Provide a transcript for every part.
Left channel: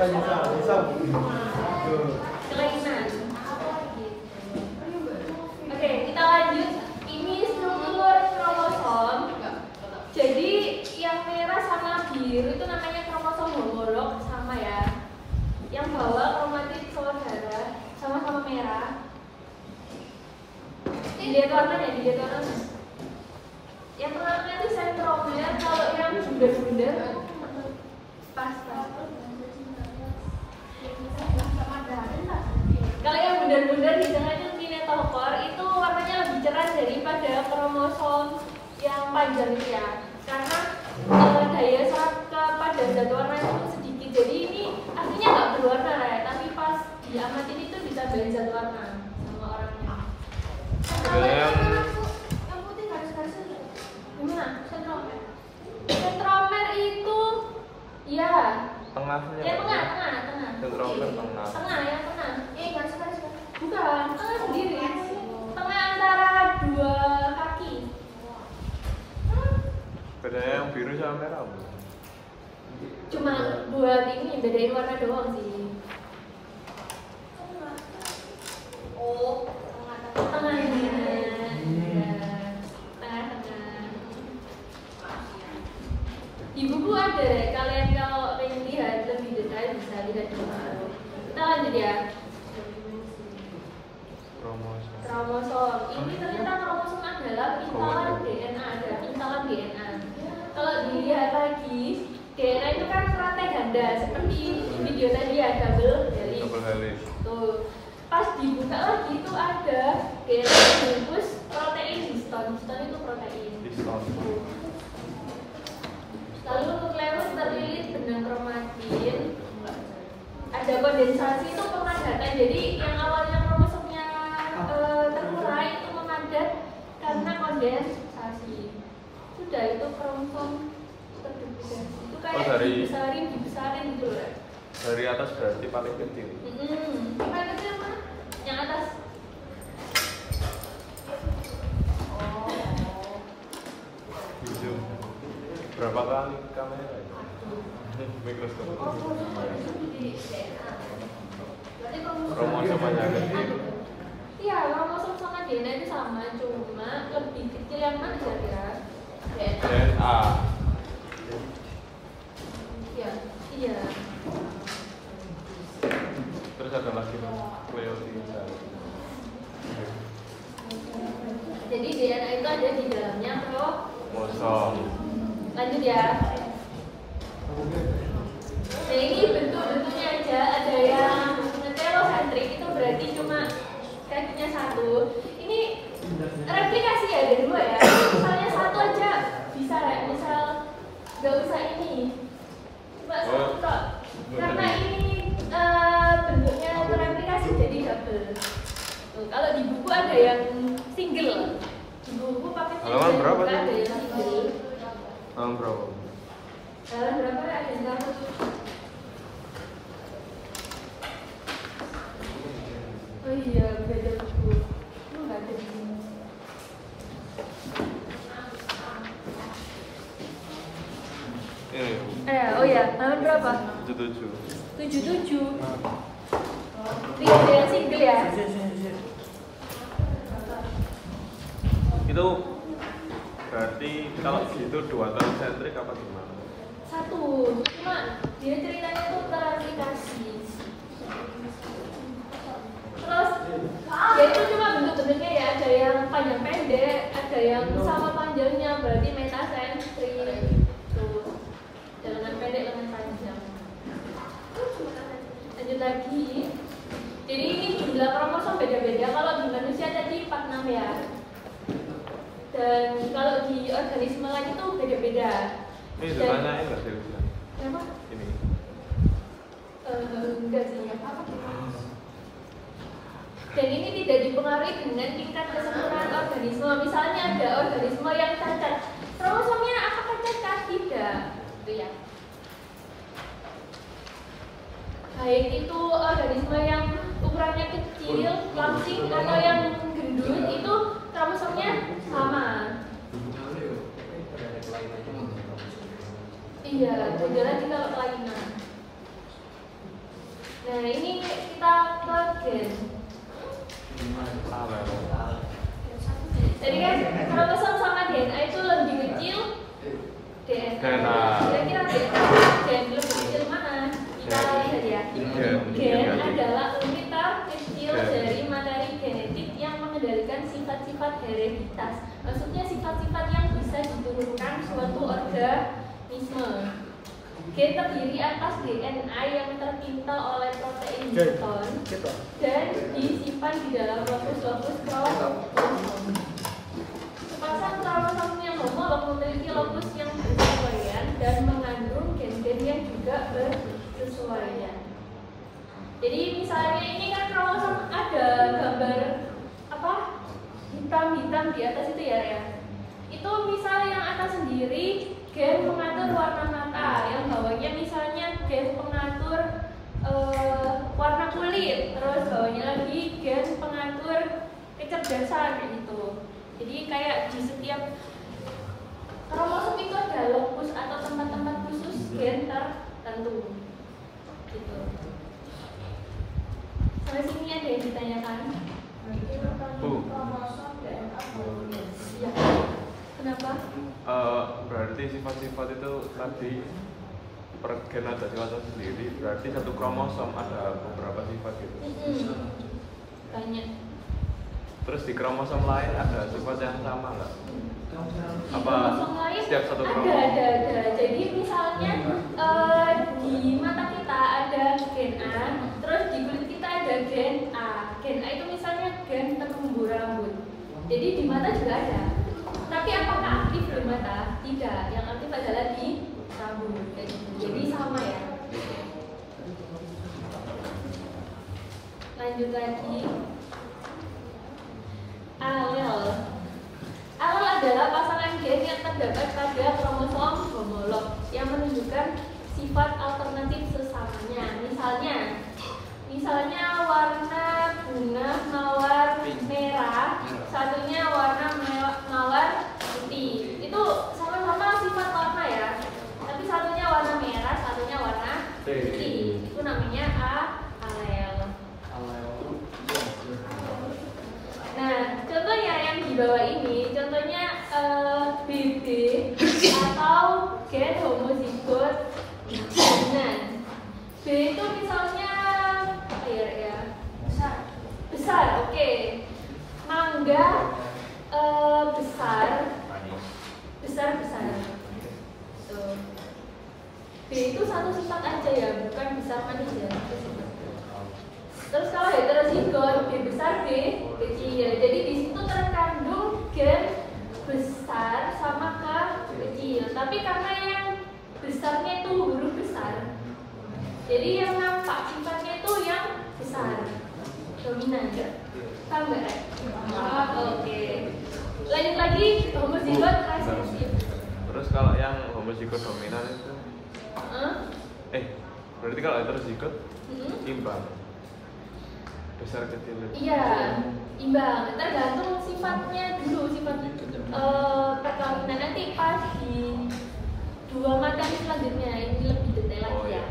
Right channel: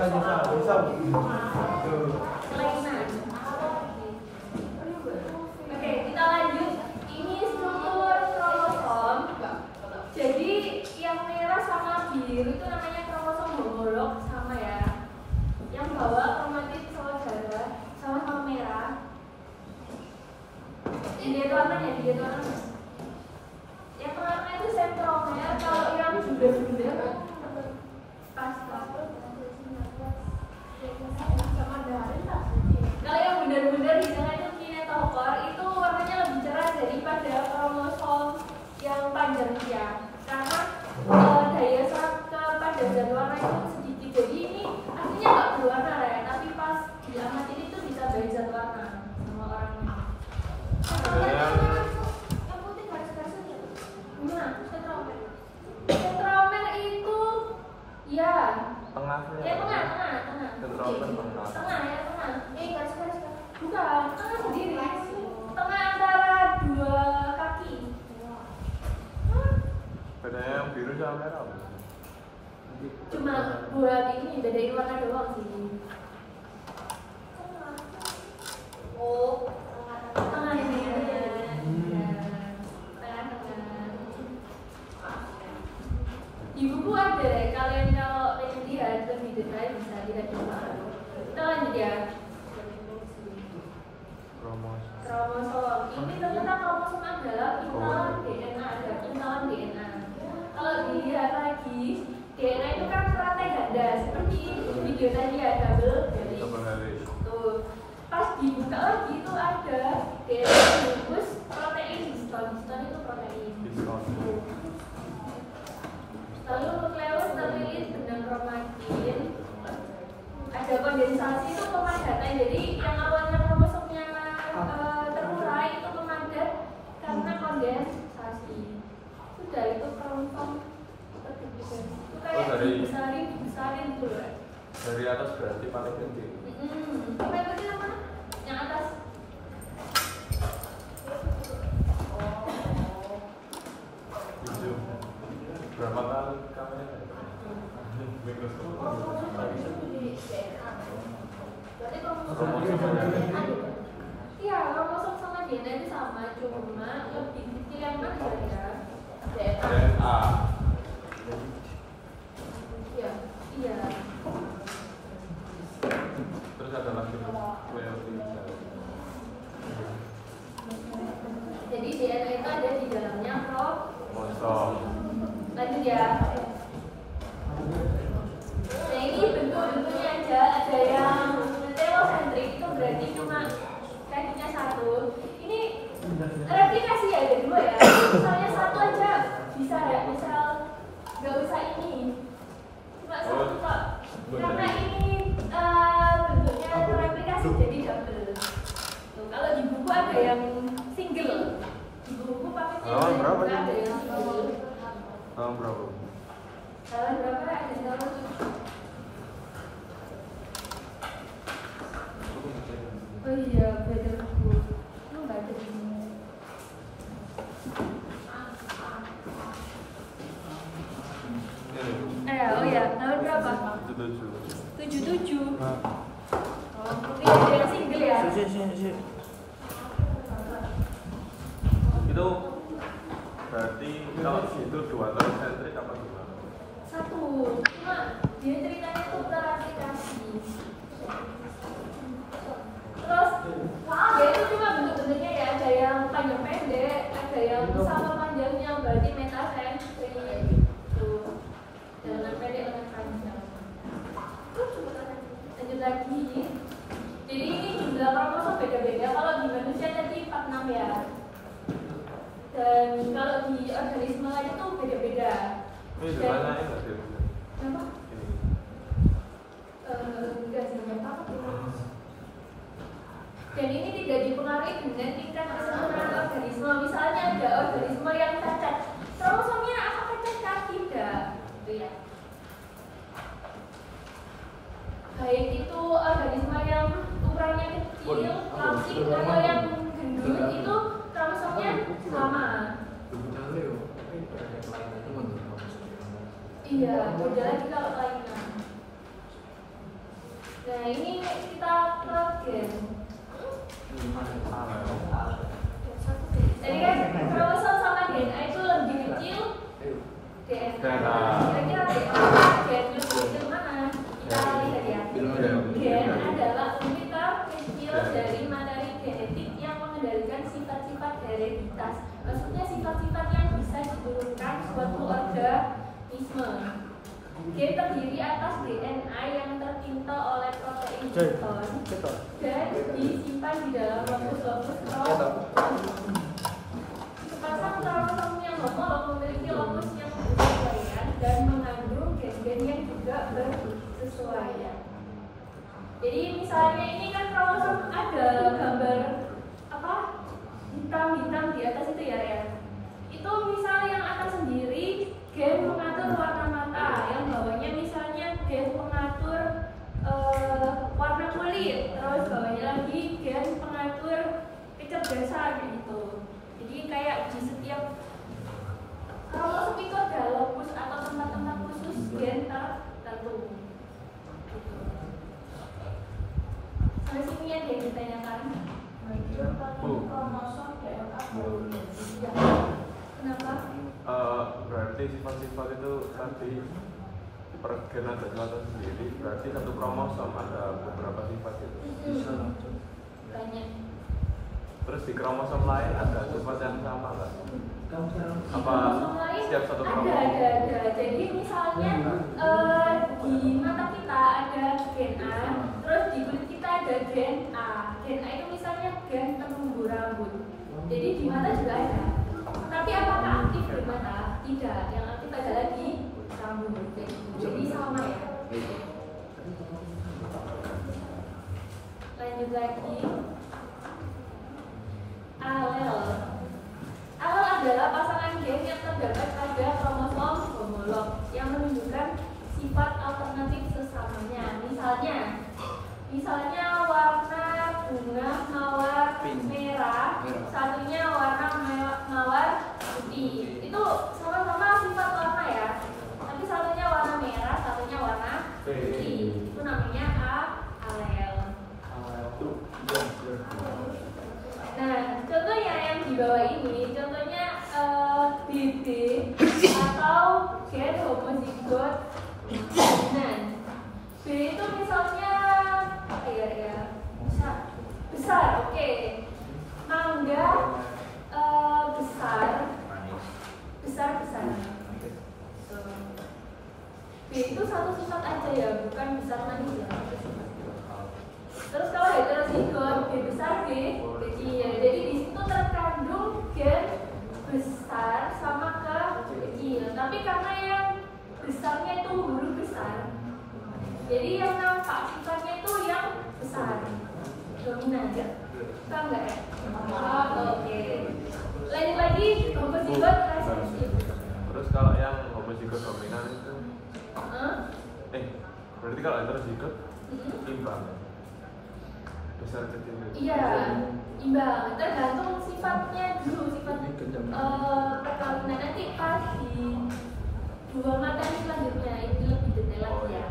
Kelainan. Oke, kita lanjut. Ini struktur kromosom. Jadi yang merah sama biru itu namanya kromosom homolog, sama ya. Yang bawah kromatid saudara, sama-sama merah. Dilihat warnanya, Yang tengahnya itu sentromer, kalau yang bundar-bundar pas. Kalau yang bundar-bundar di tengah itu kinetofor, itu warnanya lebih cerah daripada kromosom yang panjang ya. Karena daya serap kepada zat warna itu sedikit. Jadi ini aslinya nggak berwarna ya, tapi pas diamatin itu ditambahin zat warna sama orangnya. Yang putih garis-garis itu gimana? Sentromer itu ya tengahnya. Ya tengah. Ini garis-garis. Bukan, tengah sendiri. Tengah antara dua kaki. Bedanya yang biru sama merah. Cuma buat ini bedain warna doang sih. Oh, tengah ini. Di buku ada deh, kalian kalau pengen lihat lebih detail bisa lihat di mana. Kita lanjut ya. Kromosom. Ini ternyata kromosom adalah pintalan DNA, ada pintalan DNA. Kalau dilihat lagi, DNA itu kan rantai ganda, seperti video tadi ya, double helix. Tuh. Pas dibuka lagi itu ada DNA bungkus protein histone. Histone itu protein. Lalu nukleus terlilit benang kromatin. Ada kondensasi itu pemadatan. Jadi yang awalnya kromosomnya terurai itu memadat karena kondensasi. Sudah itu kromosom terdivision. Itu kayak dibesarin gitu loh. Dari atas berarti pakai penting. Pakai penting yang mana? Yang atas. Berapa kali kamera? Mikroskop. Iya, kromosom sama DNA itu sama, cuma lebih kecil yang mana ya? DNA. Iya. Terus ada lagi Jadi DNA itu ada di dalamnya kromosom. Lanjut ya. Nah ini bentuknya aja, ada yang telosentrik itu berarti cuma kakinya satu. Ini replikasi ya, ada dua ya. Misalnya satu aja bisa ya, misal nggak usah ini. Cuma satu. Karena ini bentuknya replikasi jadi double. Tuh, kalau di buku ada yang single. Di buku paketnya ada yang single. Berapa? Jalan berapa ada yang tahu? Oh iya, beda buku. Lu nggak ada di sini. Oh ya, tahun berapa? 77. Tidak ada yang single ya? Itu berarti kalau gitu dua telosentrik apa gimana? Satu, cuma dia ceritanya tuh teraplikasi. Terus ya itu cuma bentuk-bentuknya ya, ada yang panjang pendek, ada yang sama panjangnya, berarti metasentrik. Tuh, lengan pendek, lengan panjang. Lanjut lagi. Jadi ini jumlah kromosom beda-beda. Kalau di manusia tadi 46 ya. Dan kalau di organisme lain itu beda-beda. Ini sebenarnya enggak sih? Kenapa? Ini. Enggak sih. Dan ini tidak dipengaruhi dengan tingkat kesempurnaan organisme. Misalnya ada organisme yang cacat, kromosomnya apakah cacat? Tidak. Itu ya. Baik itu organisme yang ukurannya kecil, langsing, atau yang gendut, itu kromosomnya sama. Iya, beda lagi kalau kelainan. Nah ini kita ke gen. Jadi kan kromosom sama DNA itu lebih kecil DNA. Kira-kira gen lebih kecil mana? Kita lihat ya. Gen adalah unit terkecil dari materi genetik yang mengendalikan sifat-sifat hereditas. Maksudnya sifat-sifat yang bisa diturunkan suatu organisme. Gen terdiri atas DNA yang tertinta oleh protein hiton dan disimpan di dalam lokus-lokus kromosom. Sepasang kromosom yang homolog memiliki lokus yang bersesuaian dan mengandung gen-gen yang juga bersesuaian. Jadi misalnya ini kan kromosom ada gambar apa hitam-hitam di atas itu ya Rea. Itu misalnya yang atas sendiri gen pengatur warna mata, yang bawahnya misalnya gen pengatur warna kulit, terus bawahnya lagi gen pengatur kecerdasan kayak gitu. Jadi kayak di setiap kromosom itu ada lokus atau tempat-tempat khusus gen tertentu. Gitu. Sampai sini ada yang ditanyakan? Kromosom DNA ya. Kenapa? Berarti sifat-sifat itu tadi per gen ada sifat sendiri, berarti satu kromosom ada beberapa sifat gitu. Banyak. Terus di kromosom lain ada sifat yang sama nggak? Apa Kromosom lain setiap satu kromosom? ada. Jadi misalnya di mata kita ada gen A, terus di kulit kita ada gen A. Gen A itu misalnya gen tumbuh rambut. Jadi di mata juga ada. Tapi apakah aktif di mata? Tidak. Yang aktif adalah di rambut. Jadi sama ya. Lanjut lagi. Alel. Alel adalah pasangan gen yang terdapat pada kromosom homolog yang menunjukkan sifat alternatif sesamanya. Misalnya warna bunga mawar merah, satunya warna mawar putih. Itu sama-sama sifat warna ya. Tapi satunya warna merah, satunya warna putih. Itu namanya alel. Nah, contohnya yang di bawah ini, contohnya BB atau gen homozigot dominan. B itu misalnya apa ya? Besar, oke. Mangga besar. Tuh. B itu satu sifat aja ya, bukan besar manis ya. Terus kalau heterozigot B besar B kecil, jadi di situ terkandung gen besar sama ke kecil. Tapi karena yang besarnya itu huruf besar, jadi yang nampak sifatnya itu yang besar, dominan. Tahu nggak? Oke. Lanjut lagi homozigot resesif. Terus kalau yang homozigot dominan itu? Berarti kalau heterozigot imbang. Besar kecil. Iya, imbang. Tergantung sifatnya dulu, sifat perkawinan nanti pas di dua materi selanjutnya ini lebih detail lagi ya.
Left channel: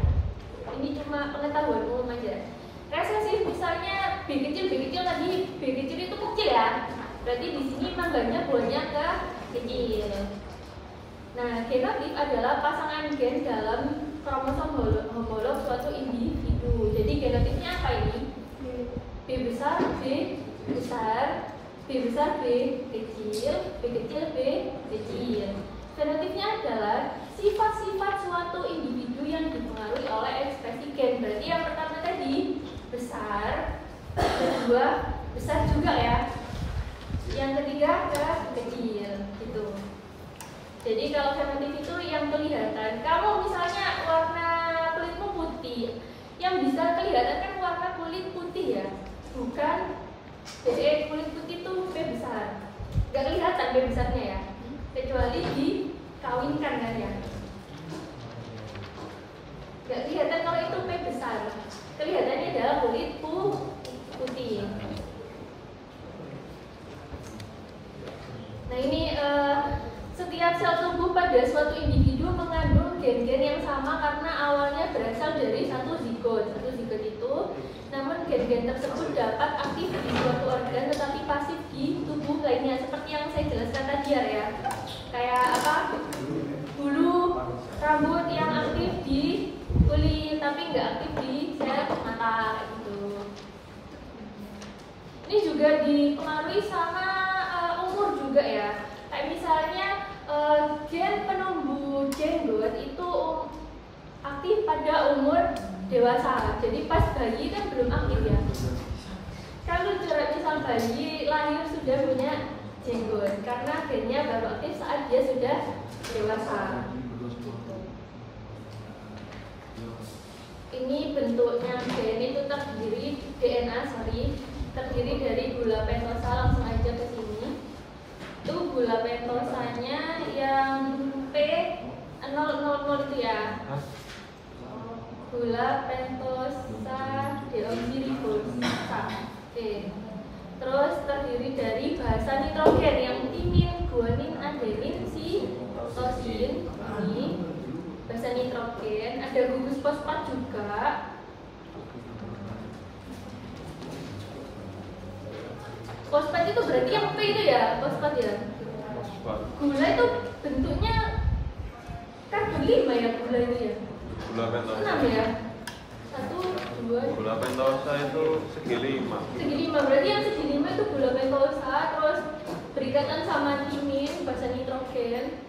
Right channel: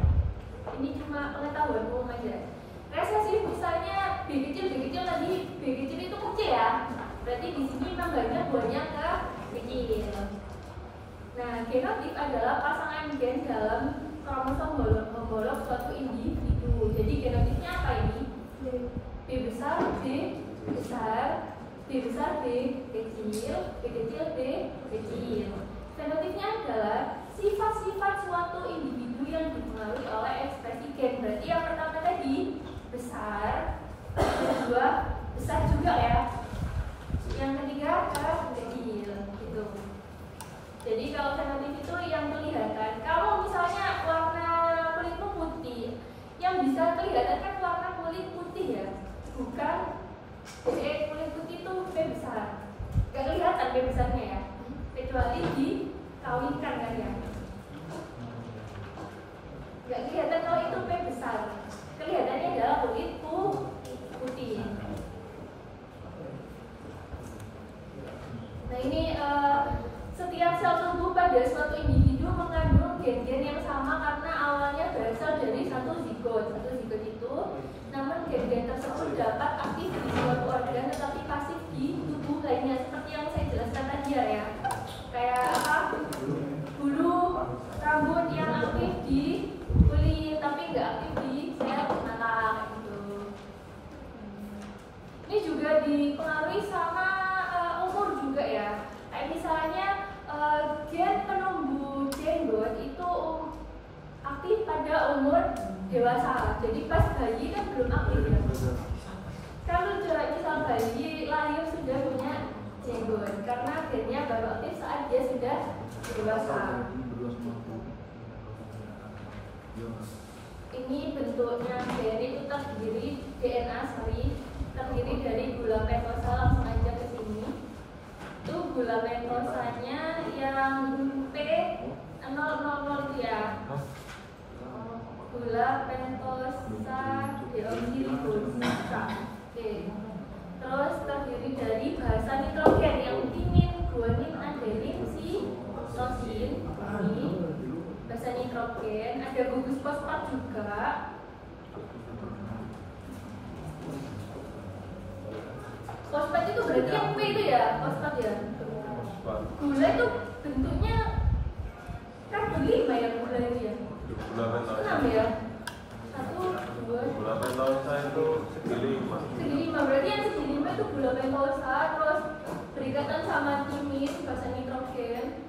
Ini cuma pengetahuan umum aja. Resesif misalnya B kecil tadi, B kecil itu kecil ya. Berarti di sini nambahnya buahnya ke kecil. Nah, genotif adalah pasangan gen dalam kromosom homolog suatu individu. Jadi genotifnya apa ini? B besar, B besar, B besar, B kecil, B kecil, B kecil. Fenotifnya adalah sifat-sifat suatu individu yang dipengaruhi oleh ekspresi gen. Berarti yang pertama tadi besar, kedua besar juga ya. Yang ketiga kecil, gitu. Jadi kalau fenotif itu yang kelihatan. Kalau misalnya warna kulitmu putih, yang bisa kelihatan kan warna kulit putih ya, bukan kulit putih itu B besar. Gak kelihatan B besarnya ya, kecuali dikawinkan kan ya. Gak kelihatan kalau itu P besar. Kelihatannya adalah kulit putih. Nah ini setiap sel tubuh pada suatu individu mengandung gen-gen yang sama karena awalnya berasal dari satu zigot. Satu zigot itu tersebut dapat aktif di suatu organ tetapi pasif di tubuh lainnya, seperti yang saya jelaskan tadi ya. Kayak apa? Bulu rambut yang aktif di kulit tapi nggak aktif di sel mata gitu. Ini juga dipengaruhi sama umur juga ya. Kayak misalnya gen penumbuh jenggot itu aktif pada umur dewasa. Jadi pas bayi kan belum aktif ya. Kalau misal bayi lahir sudah punya jenggot karena gennya baru aktif saat dia sudah dewasa. Ini bentuknya gen itu terdiri terdiri dari gula pentosa. Langsung aja ke sini. Itu gula pentosanya yang P000 itu ya. Gula pentosa deoksiribosa. Oke. Terus terdiri dari basa nitrogen yang timin, guanin, adenin, sitosin. Ini basa nitrogen. Ada gugus fosfat juga. Fosfat itu berarti yang P itu ya, fosfat ya. Gula itu bentuknya karbon 5 ya, gula itu ya. Gula pentosa. 6 ya. 1, 2. Gula pentosa itu segi 5. Segi 5 berarti yang segi 5 itu gula pentosa, terus berikatan sama timin, basa nitrogen.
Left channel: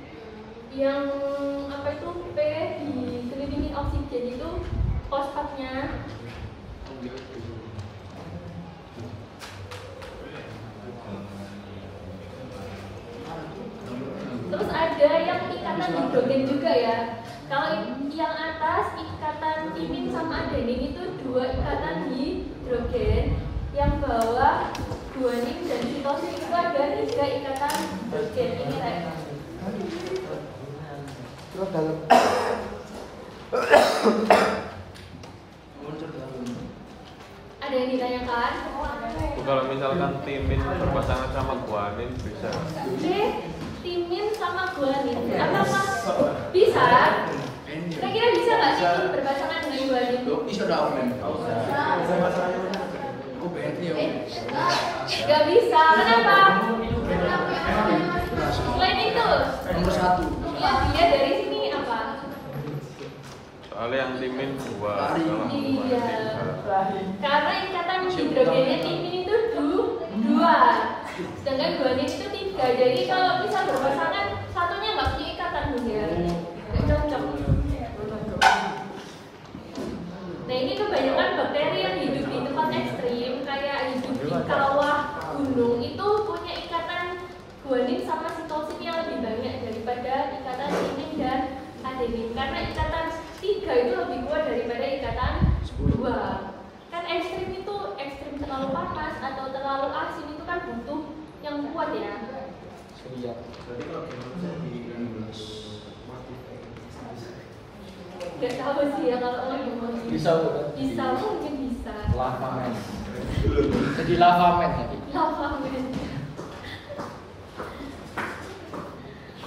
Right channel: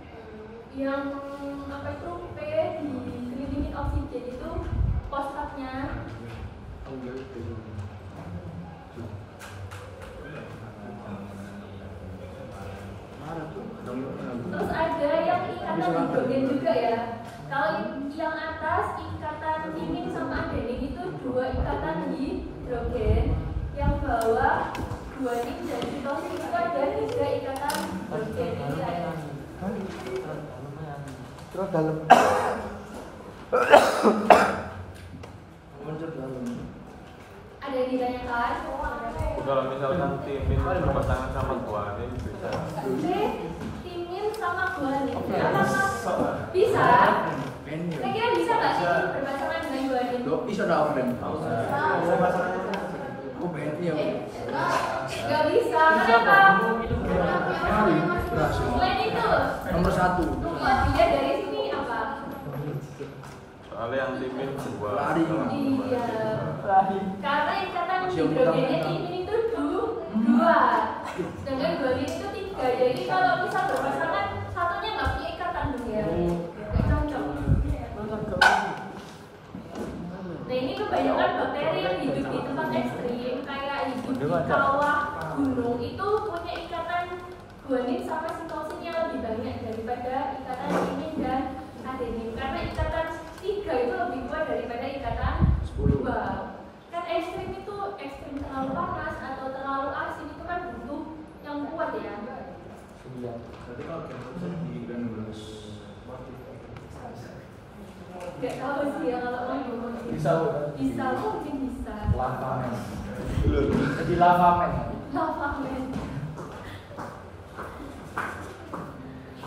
Yang apa itu P dikelilingi oksigen itu fosfatnya. Terus ada yang ikatan hidrogen juga ya. Kalau yang atas ikatan timin sama adenin itu 2 ikatan hidrogen. Yang bawah guanin dan sitosin itu ada 3 ikatan hidrogen. Ini saya. Ada yang ditanyakan? Kalau misalkan timin berpasangan sama guanin bisa. Timin sama guanin. Apakah bisa? Kira-kira bisa nggak timin berpasangan dengan guanin? Bisa dong. Nggak bisa. Kenapa? Selain itu. Nomor 1. Oh, dia dari sini apa? Soalnya yang timin 2. Iya. Karena ikatan hidrogennya timin itu 2. Sedangkan guanin itu 3. Jadi kalau bisa berpasangan satunya nggak punya ikatan ya. Nggak cocok. Nah ini kebanyakan bakteri yang hidup di tempat ekstrim kayak hidup di kawah gunung itu punya ikatan guanin sama sitosin yang lebih banyak daripada ikatan timin dan adenin. Karena ikatan 3 itu lebih kuat daripada ikatan 2. Kan ekstrim itu ekstrim terlalu panas atau terlalu asin itu kan butuh yang kuat ya. Iya. Berarti kalau bisa di Indonesia Gak tahu sih ya kalau orang gimana. bisa bukan? Bisa mungkin bisa. Lava men. Jadi lava men. Lava men.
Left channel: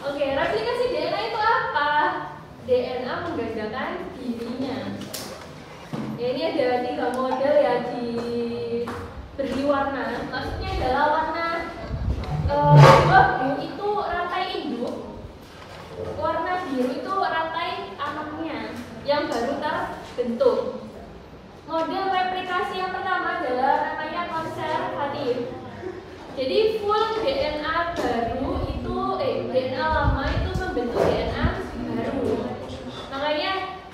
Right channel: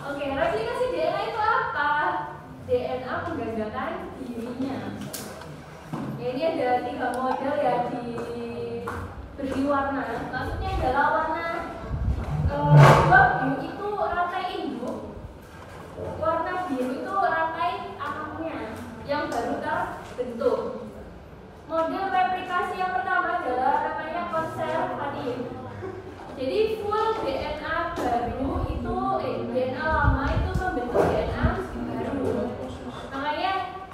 Oke, replikasi DNA itu apa? DNA menggandakan dirinya. Ya, ini ada 3 model ya diberi warna. Maksudnya adalah warna biru itu rantai induk, warna biru itu rantai anaknya yang baru terbentuk. Model replikasi yang pertama adalah namanya konservatif. Jadi full DNA baru itu DNA lama itu membentuk DNA baru. Makanya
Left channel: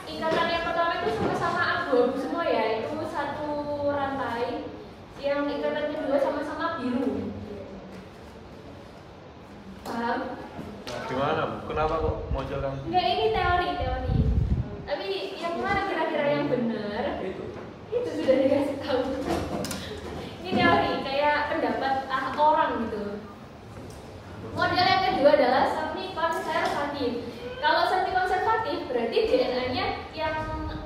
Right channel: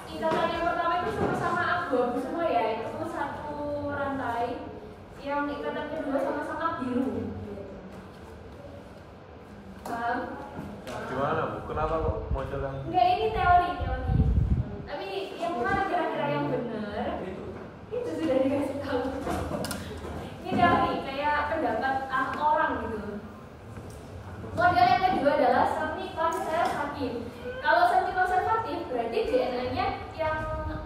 ikatan yang pertama itu sama-sama abu-abu semua ya, itu satu rantai. Yang ikatan kedua sama-sama biru. Paham? Gimana? Kenapa kok model yang Enggak, ini teori. Tapi yang mana kira-kira yang benar? Itu sudah dikasih tahu. Ini teori, kayak pendapat orang gitu. Model yang kedua adalah semi konservatif. Kalau semi konservatif berarti DNA-nya yang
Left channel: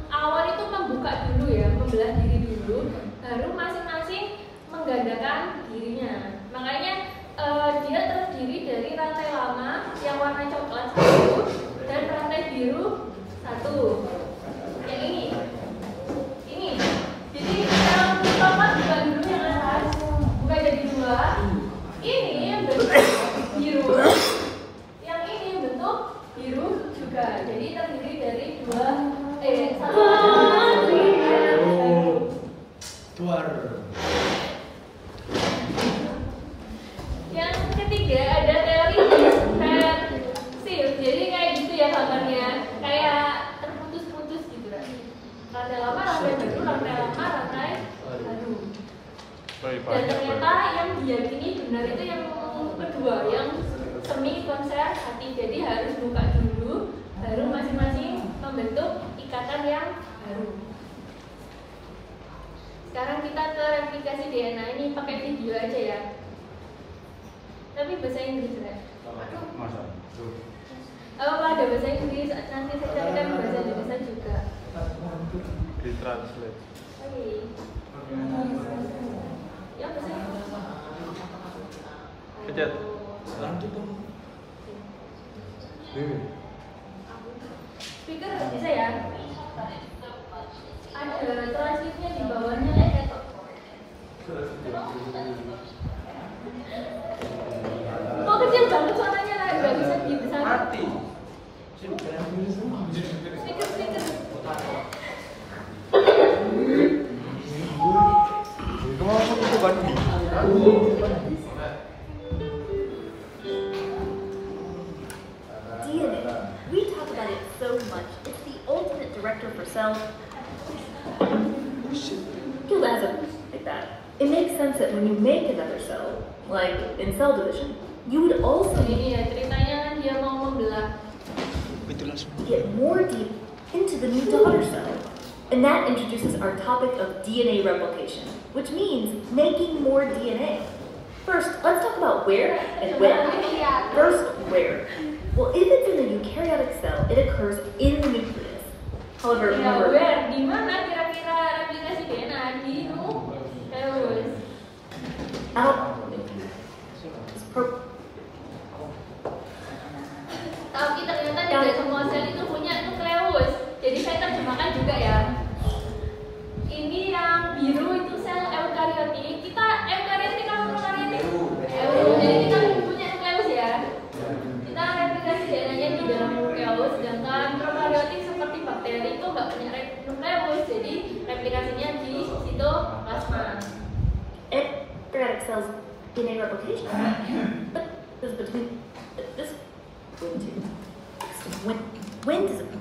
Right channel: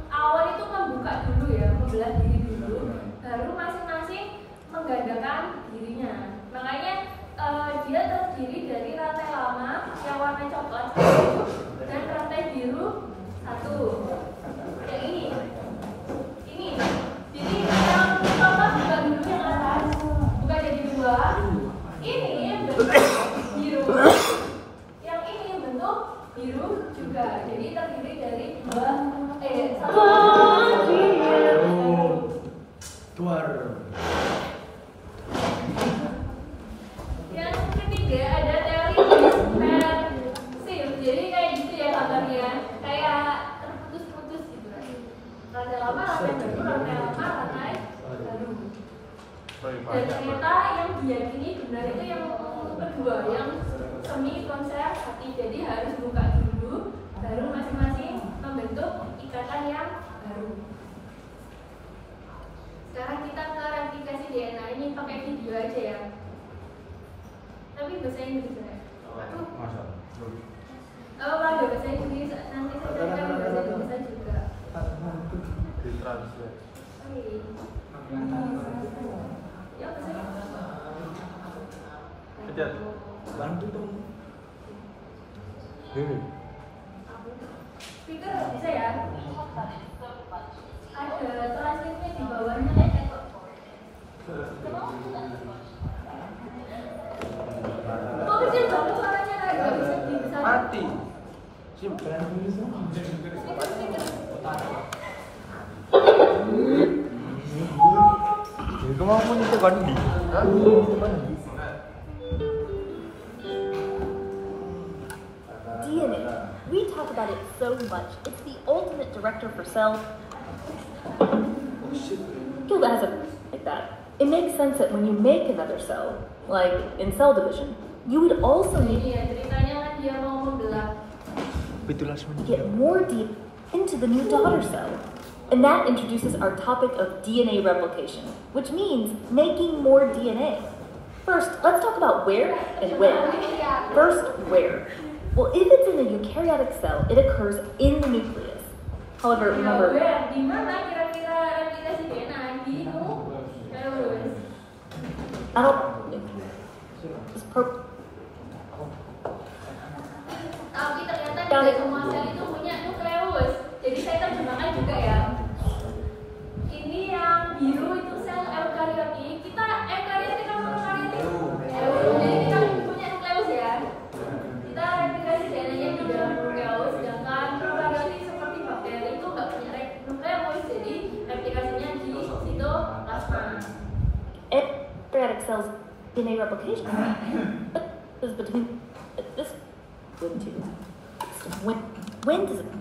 awal itu membuka dulu ya, membelah diri dulu, baru masing-masing menggandakan dirinya. Makanya dia terdiri dari rantai lama yang warna coklat 1 dan rantai biru 1. Yang ini. Jadi dalam coklat juga sel hati. Jadi harus buka dulu, baru masing-masing membentuk ikatan yang baru. Sekarang kita ke replikasi DNA ini pakai video aja ya. Tapi bahasa Inggris ya. Ada bahasa Inggris, nanti saya carikan bahasa Indonesia juga. Ditranslate. Oke. Ya bahasa Inggris. Pencet. Bantu dong. Speaker bisa ya? Ada transkripnya di bawahnya. Kok kecil banget suaranya lah, nggak bisa dibesarkan. Mati. Speaker. Itu langsung itu kan di. DNA. We talk about it so much. It's the ultimate director for cells. Killed as like that. It makes sense that when you make another cell, like in cell division, you would also Ini ya ceritanya kan dia mau membelah. get more deep into the new daughter cell. And that introduces our topic of DNA replication, which means making more DNA. First, let's talk about where and when. First, where. Well, if it's in a eukaryotic cell, it occurs in the nucleus. However, Ya, remember, where? Di mana kira-kira replikasi DNA di nukleus? I don't. It's Tapi ternyata tidak semua sel itu punya nukleus. Jadi saya terjemahkan juga ya. Ini yang biru itu sel eukariotik. Kita eukariotik kan prokariotik. Jadi kita punya nukleus ya. Kita replikasi DNA-nya di dalam nukleus. Sedangkan prokariotik seperti bakteri itu nggak punya nukleus. Jadi replikasinya di sitoplasma. eukaryotic cells DNA replication. But this between this when does it?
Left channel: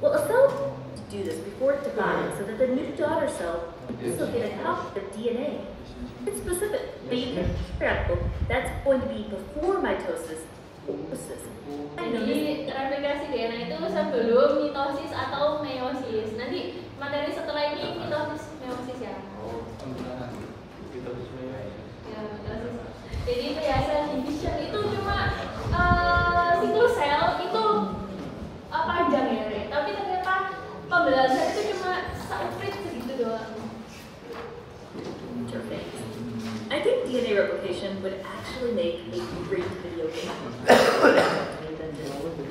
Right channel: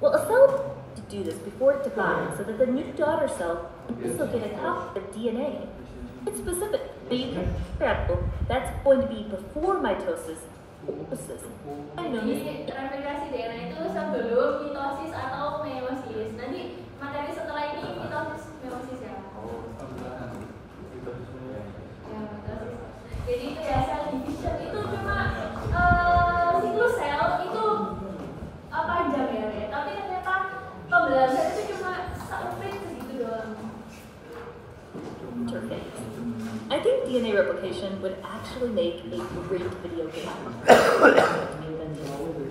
Well, a cell to do this before it divides, so that the new daughter cell can also get a copy of DNA. It's specific, but you can that's going to be before mitosis. Jadi replikasi DNA itu sebelum mitosis atau meiosis. Nanti materi setelah ini mitosis meiosis ya. Ya, mitosis. Jadi kayak cell division itu cuma siklus sel itu panjang ya deh. Tapi ternyata pembelahan sel itu cuma strip begitu doang. Interface. I think DNA replication would actually make a great video game.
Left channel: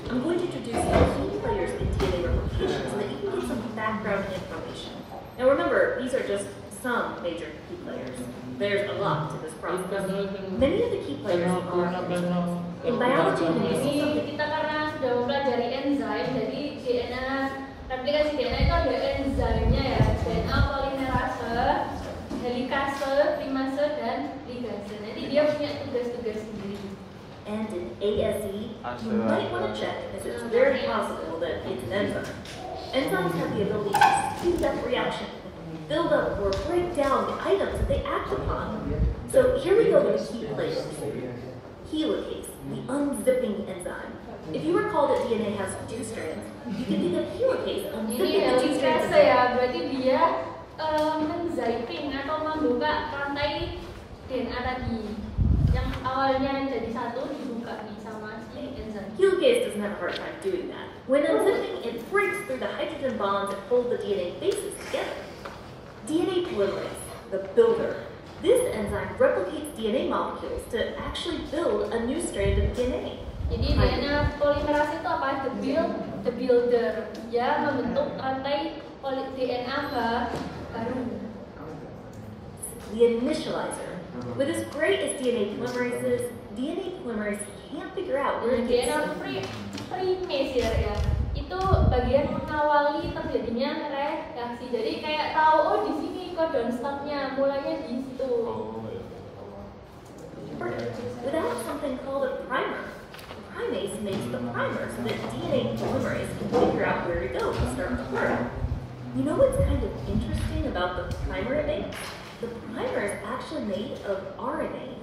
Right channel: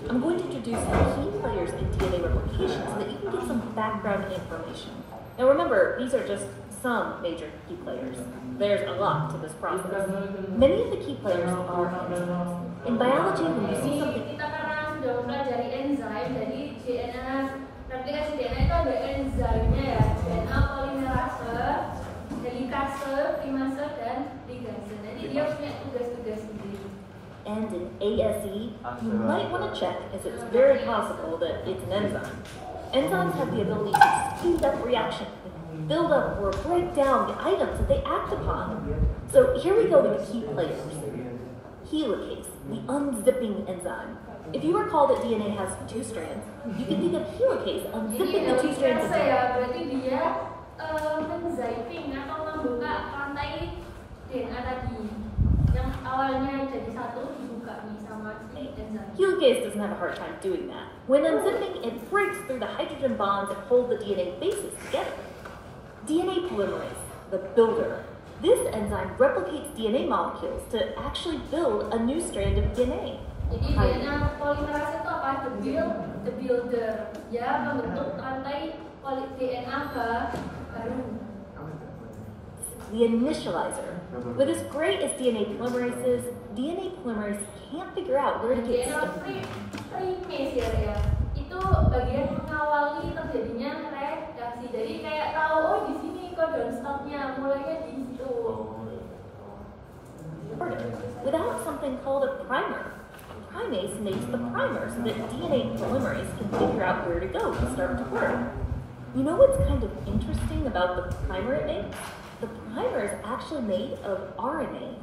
I'm going to introduce key players in DNA replication so that you can get some background information. Now remember, these are just some major key players. There's a lot to this process. Many of the key players are enzymes. In biology, when you see Jadi something, kita karena sudah mempelajari enzim, jadi DNA replikasi DNA itu ada enzimnya ya, DNA polimerase, helikase, primase, dan ligase. Jadi dia punya tugas-tugas sendiri. and in ASE, you might want to check as it's very possible that it's an enzyme. Enzymes have the ability to speed up reaction, build up or break down the items that they act upon. So here we go with key players. Helicase, the unzipping enzyme. If you recall that DNA has two strands, you can think of helicase Ini unzipping the two strands. helikase ya, berarti dia menzipping atau membuka rantai DNA tadi. Yang awalnya jadi satu dibuka nih sama si enzim. Helicase doesn't have a hard time doing that. When unzipping, it breaks through the hydrogen bonds that hold the DNA bases together. DNA polymerase, the builder. This enzyme replicates DNA molecules to actually build a new strand of DNA. Jadi DNA polimerase itu apa? The builder. Dia membentuk rantai DNA baru. The initializer. With as great as DNA polymerase is, DNA polymerase can't figure out where to get DNA primase ya. Itu bagian mengawali terjadinya reaksi. Jadi kayak tahu oh di sini codon stopnya mulainya di situ. without something called a primer. Primase makes the primer so that DNA polymerase can figure out where to go to start to work. You know what's kind of interesting about the primer it makes? The primer is actually made of RNA.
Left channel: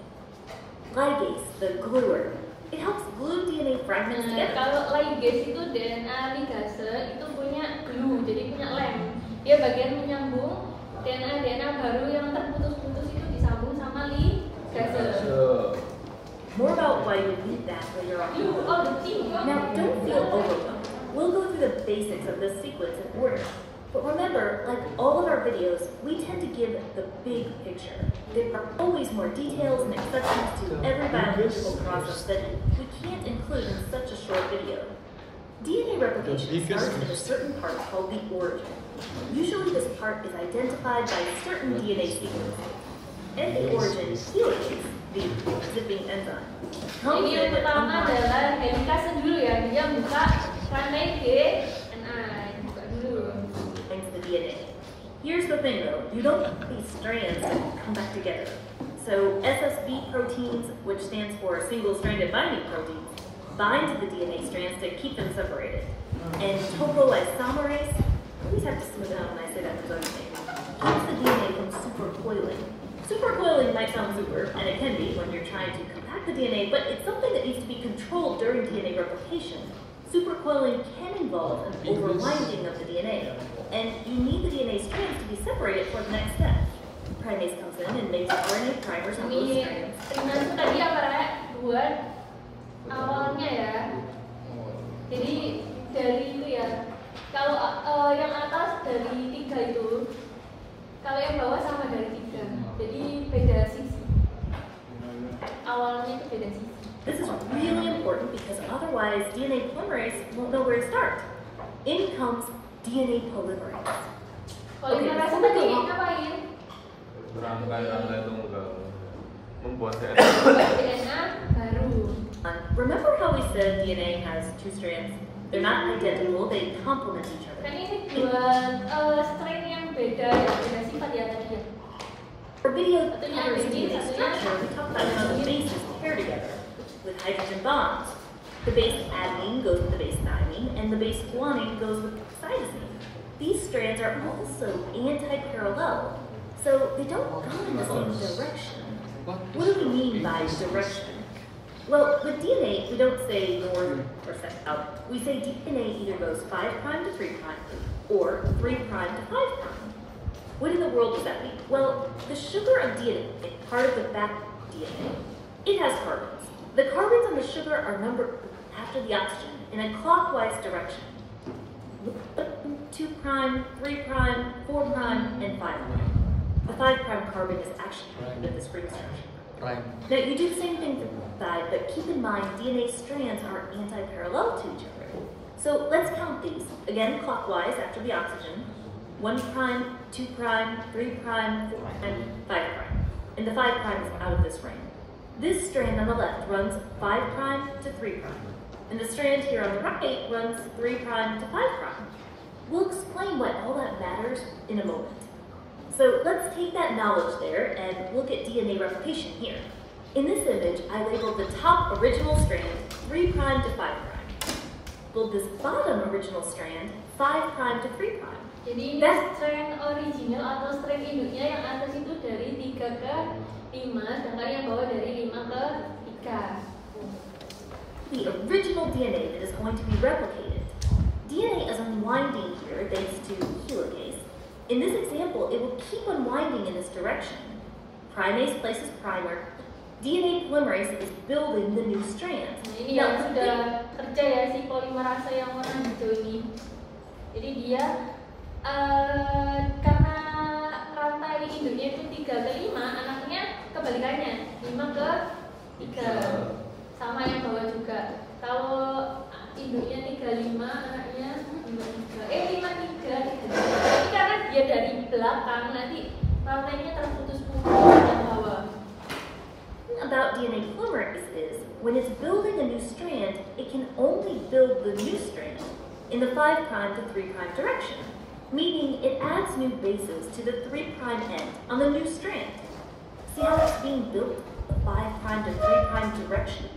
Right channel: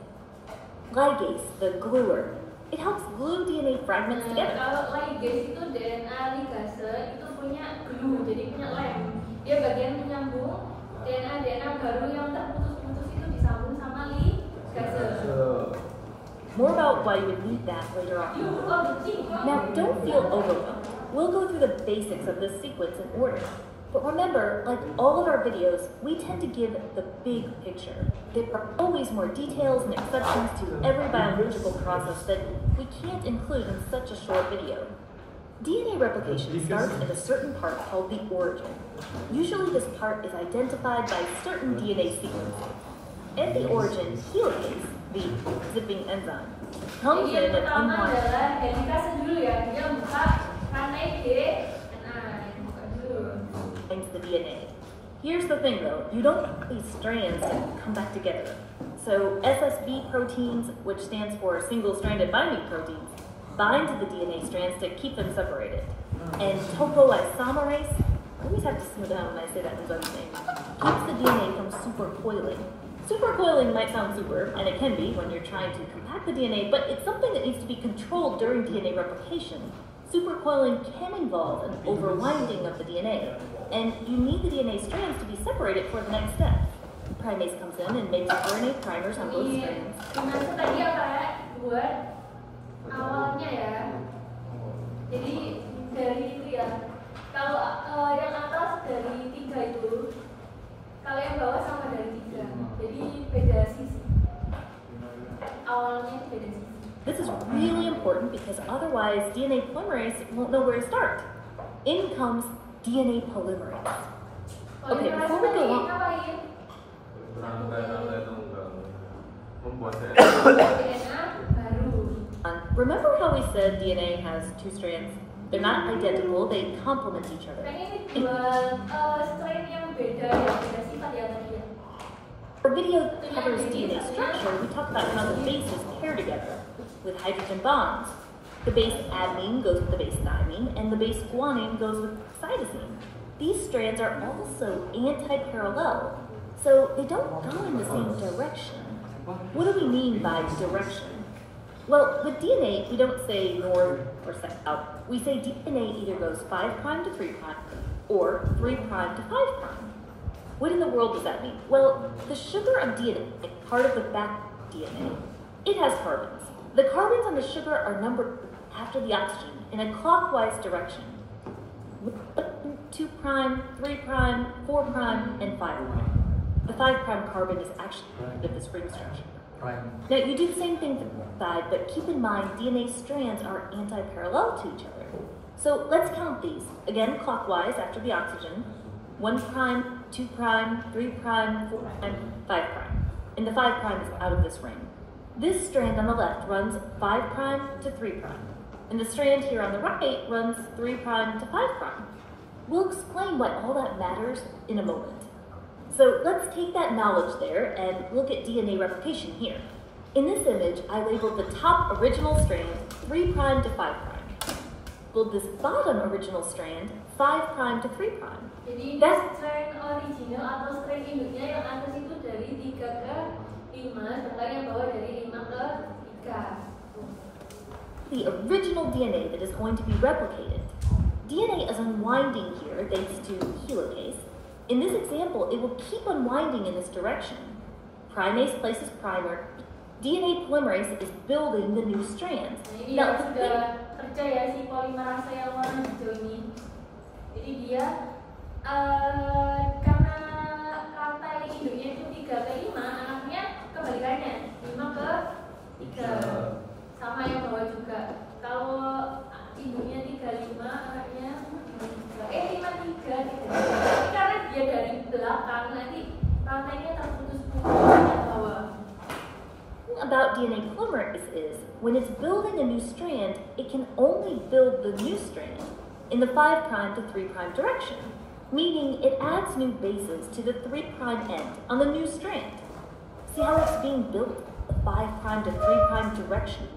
Ligase, the gluer, It helps glue DNA fragments together. Kalau ligase itu DNA ligase itu punya glue, jadi punya lem. Dia bagian menyambung DNA baru yang terputus-putus itu disambung sama ligase. More about why you need that later on. Now, don't feel overwhelmed. We'll go through the basics of this sequence in order. But remember, like all of our videos, we tend to give the big picture. There are always more details and exceptions to every biological process that we can't include in such a short video. DNA replication starts at a certain part called the origin. Usually this part is identified by certain DNA sequences. At the origin, helicase, the zipping enzyme, comes Jadi yang in and pertama unwinds. adalah helikase dulu ya, dia buka rantai DNA, buka dulu. Binds the DNA. Here's the thing though, you don't put these strands and come back together. So SSB proteins, which stands for single-stranded binding proteins, bind to the DNA strands to keep them separated. And topoisomerase, I always have to smooth it out when I say that because keeps the DNA from supercoiling. Supercoiling might sound super, and it can be when you're trying to compact the DNA, but it's something that needs to be controlled during DNA replication. Supercoiling can involve an overwinding of the DNA, and you need the DNA strands to be separated for the next step. Primase comes in and makes RNA primers on both strands. Primase tadi apa ya? Buat awalnya ya. Jadi dari itu ya. Kalau yang atas dari 3 itu, kalau yang bawah sama dari 3. Jadi beda sisi. Awalnya itu beda sisi. This is really important because otherwise DNA polymerase won't know where to start. In comes DNA polymerase. Polymerase before we tadi go on- ngapain? Rangka tunggal membuat DNA baru. Remember how we said DNA has 2 strands? They're not identical, they complement each other. Kan ini dua strain yang beda ya, beda sifat ya tadi ya. For video that covers DNA structure, we talked about how the bases pair together with hydrogen bonds. The base adenine goes with the base thymine, and the base guanine goes with cytosine. These strands are also anti-parallel, so they don't go in the same direction. What do we mean by direction? Well, with DNA, we don't say north or south. We say DNA either goes 5' to 3' or 3' to 5'. What in the world does that mean? Well, the sugar of DNA, part of the back DNA, it has carbons. The carbons on the sugar are numbered after the oxygen in a clockwise direction. 2', 3', 4', and 5'. The 5' carbon is actually of this ring structure. Right. Now, you do the same thing for the side, but keep in mind DNA strands are anti-parallel to each other. So let's count these. Again, clockwise after the oxygen. 1', 2', 3', 4', and 5'. And the 5' is out of this ring. This strand on the left runs 5' to 3'. And the strand here on the right runs 3' to 5'. We'll explain why all that matters in a moment. So let's take that knowledge there and look at DNA replication here. In this image, I labeled the top original strand 3' to 5'. Well, this bottom original strand 5' to 3'. Jadi ini strain original atau strain induknya yang atas itu dari 3 ke 5, sedangkan yang bawah dari 5 ke 3. The original DNA that is going to be replicated. DNA is unwinding here thanks to helicase. In this example, it will keep unwinding in this direction. Primase places primer. DNA polymerase is building the new strands. Nah, ini yang sudah kerja ya si polimerase yang warna hijau ini. Jadi dia karena rantai induknya itu 3 ke 5, anaknya kebalikannya 5 ke 3. Sama yang bawah juga. Kalau induknya 35, anaknya 5 3. Tapi karena dia dari belakang, nanti rantainya terputus-putus ke bawah. About DNA polymerase is, when it's building a new strand, it can only build the new strand in the 5' to 3' direction, meaning it adds new bases to the 3' end on the new strand. See how it's being built, the 5' to 3' direction?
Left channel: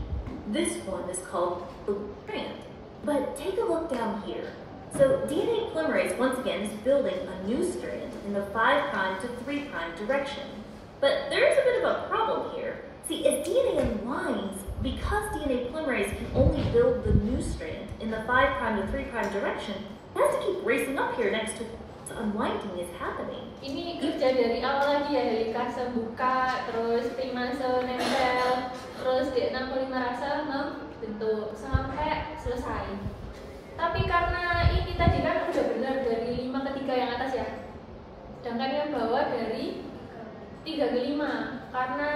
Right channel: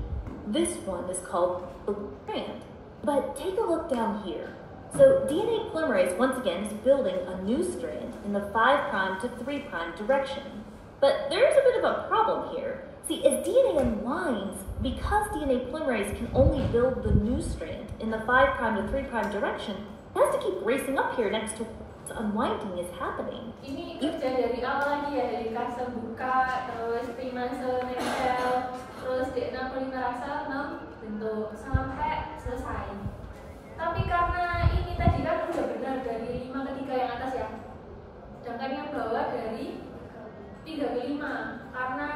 This one is called the strand. But take a look down here. So DNA polymerase, once again, is building a new strand in the 5' to 3' direction. But there's a bit of a problem here. See, as DNA unwinds, because DNA polymerase can only build the new strand in the 5' to 3' direction, it has to keep racing up here next to unwinding is happening. Ini kerja dari awal lagi ya, dari kase buka, terus trimase nempel, terus DNA polimerase membentuk sampai selesai. Tapi karena ini tadi kan udah benar dari 5 ke 3 yang atas ya, sedangkan yang bawah dari 3 ke 5, karena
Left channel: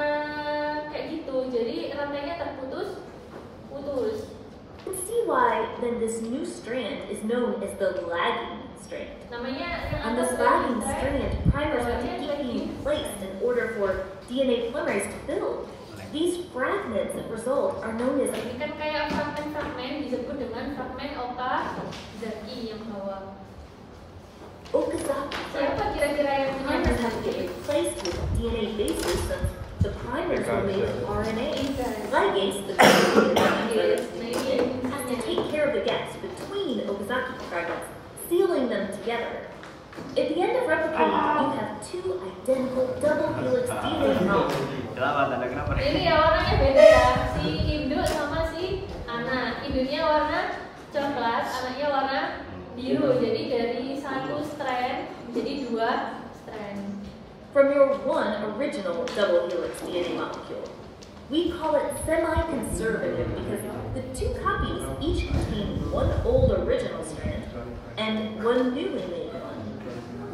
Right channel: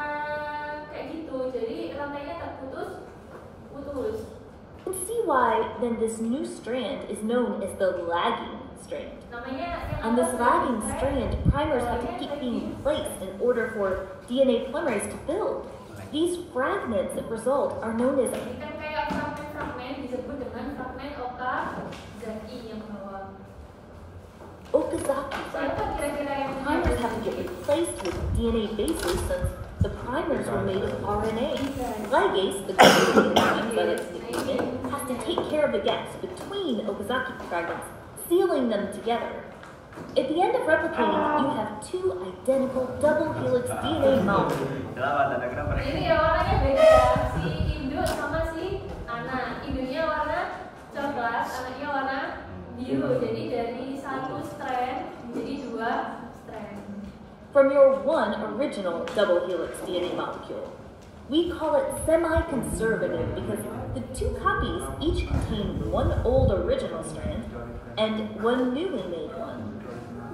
kayak gitu, jadi rantainya terputus. You can see why then this new strand is known as the lagging strand. Namanya yang On this atas lagging rantai, strand, primers have to keep being placed in order for DNA polymerase to build. These fragments that result are known as ini kan kayak fragmen-fragmen disebut dengan fragmen Okazaki yang bawah. Okazaki. Siapa kira-kira yang punya Primers have to get replaced with DNA bases since the primers were made of RNA. Ligase, the has to take care of the gaps between Okazaki fragments, sealing them together. At the end of replicating, you have 2 identical double helix DNA molecules. Ini ya warnanya beda ya, si induk sama si anak. Induknya warna coklat, anaknya warna biru. Jadi dari 1 strand menjadi 2 strand. From your one original double helix DNA molecule. We call it semi-conservative because the 2 copies each contain 1 old original strand and 1 newly made one.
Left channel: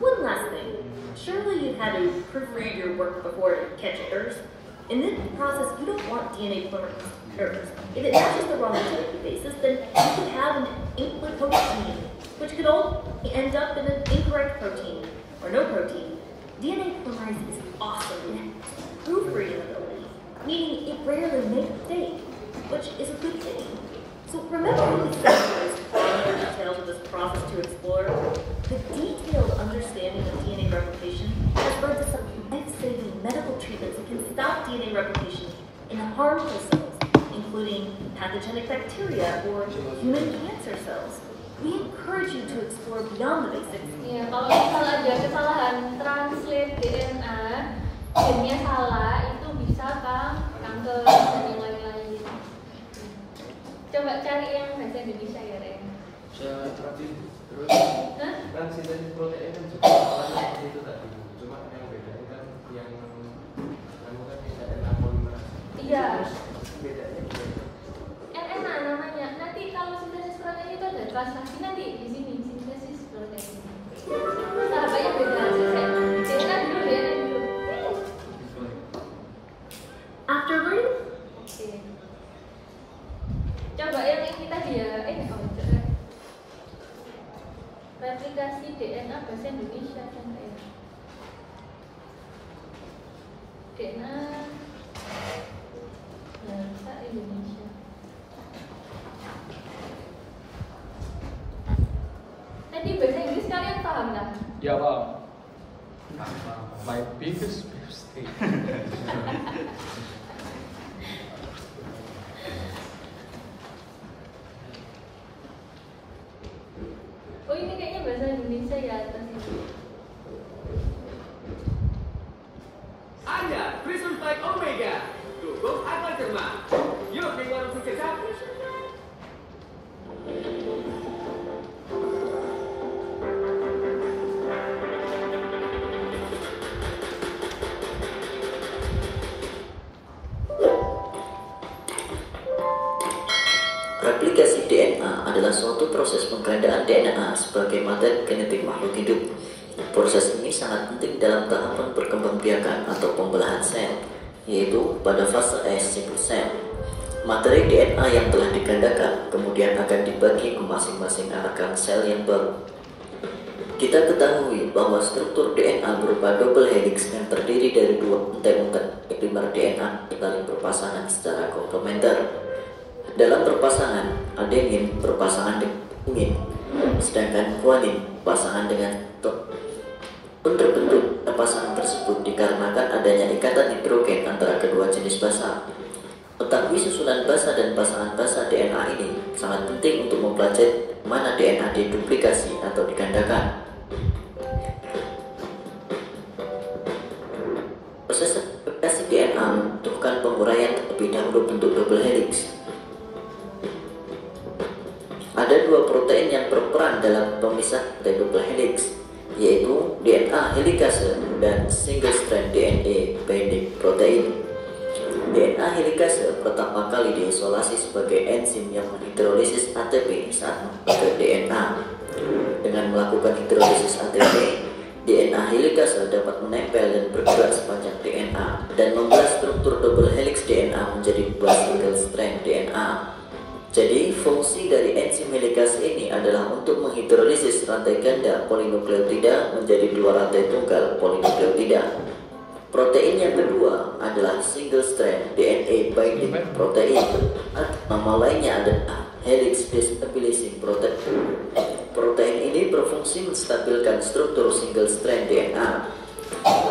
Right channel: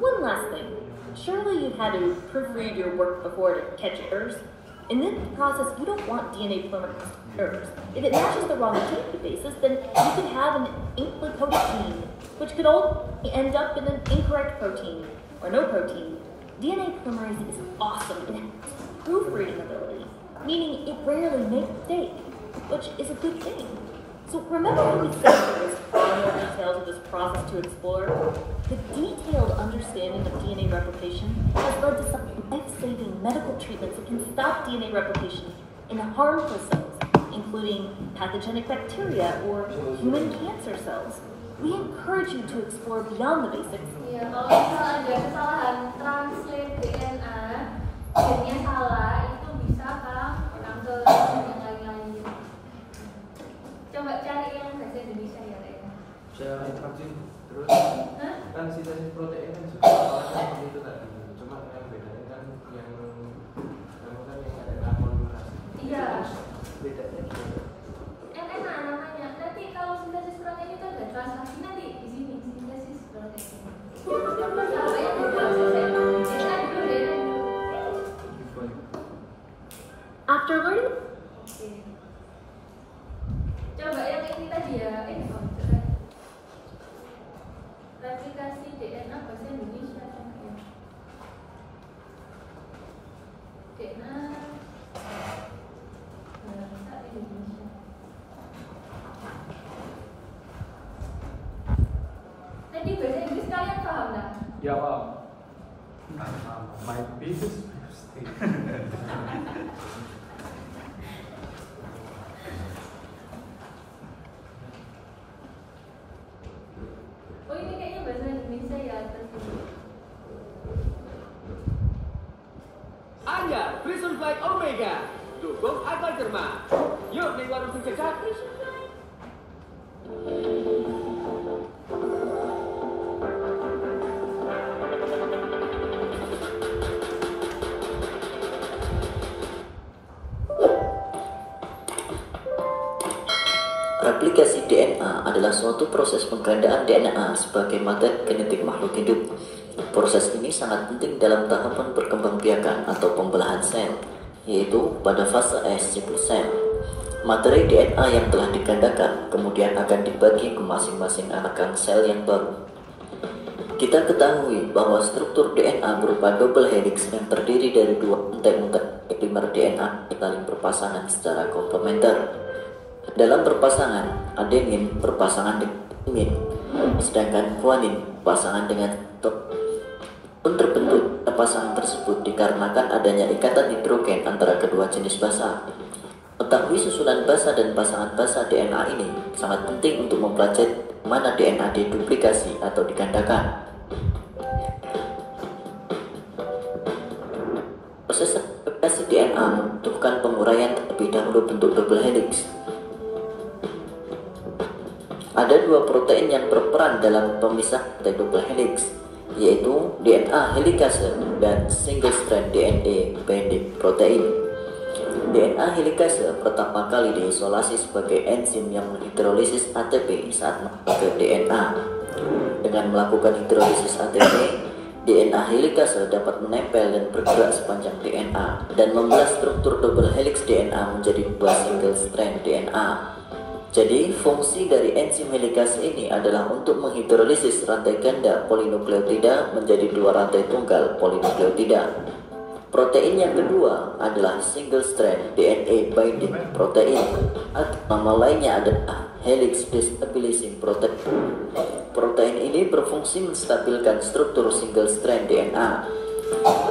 One last thing. Surely you've had to proofread your work before to catch errors. In this process, you don't want DNA polymerase errors. If it matches the wrong chemical basis, then you could have an incompatibility, which could all end up in an incorrect protein or no protein. DNA polymerase is awesome in proofreading ability, meaning it rarely makes a mistake, which is a good thing. So remember when we said there's finer details of this process to explore? The detailed understanding of DNA replication has led to some life-saving medical treatments that can stop DNA replication in harmful cells, including pathogenic bacteria or human cancer cells. We encourage you to explore beyond the basics. Iya, kalau misal ada kesalahan translate DNA, gennya salah, itu bisa kanker dan yang lain-lain. Coba cari yang bahasa Indonesia ya, Ren. Terus Hah? kan sintesis protein kan juga awalnya seperti itu tadi, cuma yang bedanya kan yang kan RNA polimerase. Iya. Bedanya gimana? RNA namanya. Nanti kalau sintesis protein itu ada kelas lagi nanti di sini sintesis protein. Sahabatnya beda. DNA dulu deh. After learning Oke. Coba yang ini tadi ya. Replikasi DNA bahasa Indonesia kan ya. DNA bahasa Indonesia. Tadi bahasa Inggris kalian paham nggak? Ya Pak. My biggest mistake. Oh ini kayaknya bahasa Indonesia ya atas ini. Anda, Christmas like Omega. Cukup apa cermat? Yuk di warung sukses. Replikasi DNA adalah suatu proses penggandaan DNA sebagai materi genetik makhluk hidup. Proses ini sangat penting dalam tahapan perkembangbiakan atau pembelahan sel, yaitu pada fase siklus sel. Materi DNA yang telah digandakan kemudian akan dibagi ke masing-masing anakan sel yang baru. Kita ketahui bahwa struktur DNA berupa double helix yang terdiri dari 2 untai-untai primer DNA saling berpasangan secara komplementer. Dalam perpasangan, adenin berpasangan dengan guanin, sedangkan guanin berpasangan dengan terbentuk pasangan tersebut dikarenakan adanya ikatan nitrogen antara kedua jenis basa. Mengetahui susunan basa dan pasangan basa DNA ini sangat penting untuk mempelajari mana DNA diduplikasi atau digandakan. Proses replikasi DNA membutuhkan penguraian terlebih dahulu bentuk double helix Ada dua protein yang berperan dalam pemisah double helix, yaitu DNA helikase dan single strand DNA binding protein. DNA helikase pertama kali diisolasi sebagai enzim yang menghidrolisis ATP saat mengubah DNA. Dengan melakukan hidrolisis ATP, DNA helikase dapat menempel dan bergerak sepanjang DNA dan membelah struktur double helix DNA menjadi dua single strand DNA. Jadi, fungsi dari enzim helikase ini adalah untuk menghidrolisis rantai ganda polinukleotida menjadi dua rantai tunggal polinukleotida. Protein yang kedua adalah single strand DNA binding protein, atau nama lainnya adalah helix destabilizing protein. Protein ini berfungsi menstabilkan struktur single strand DNA.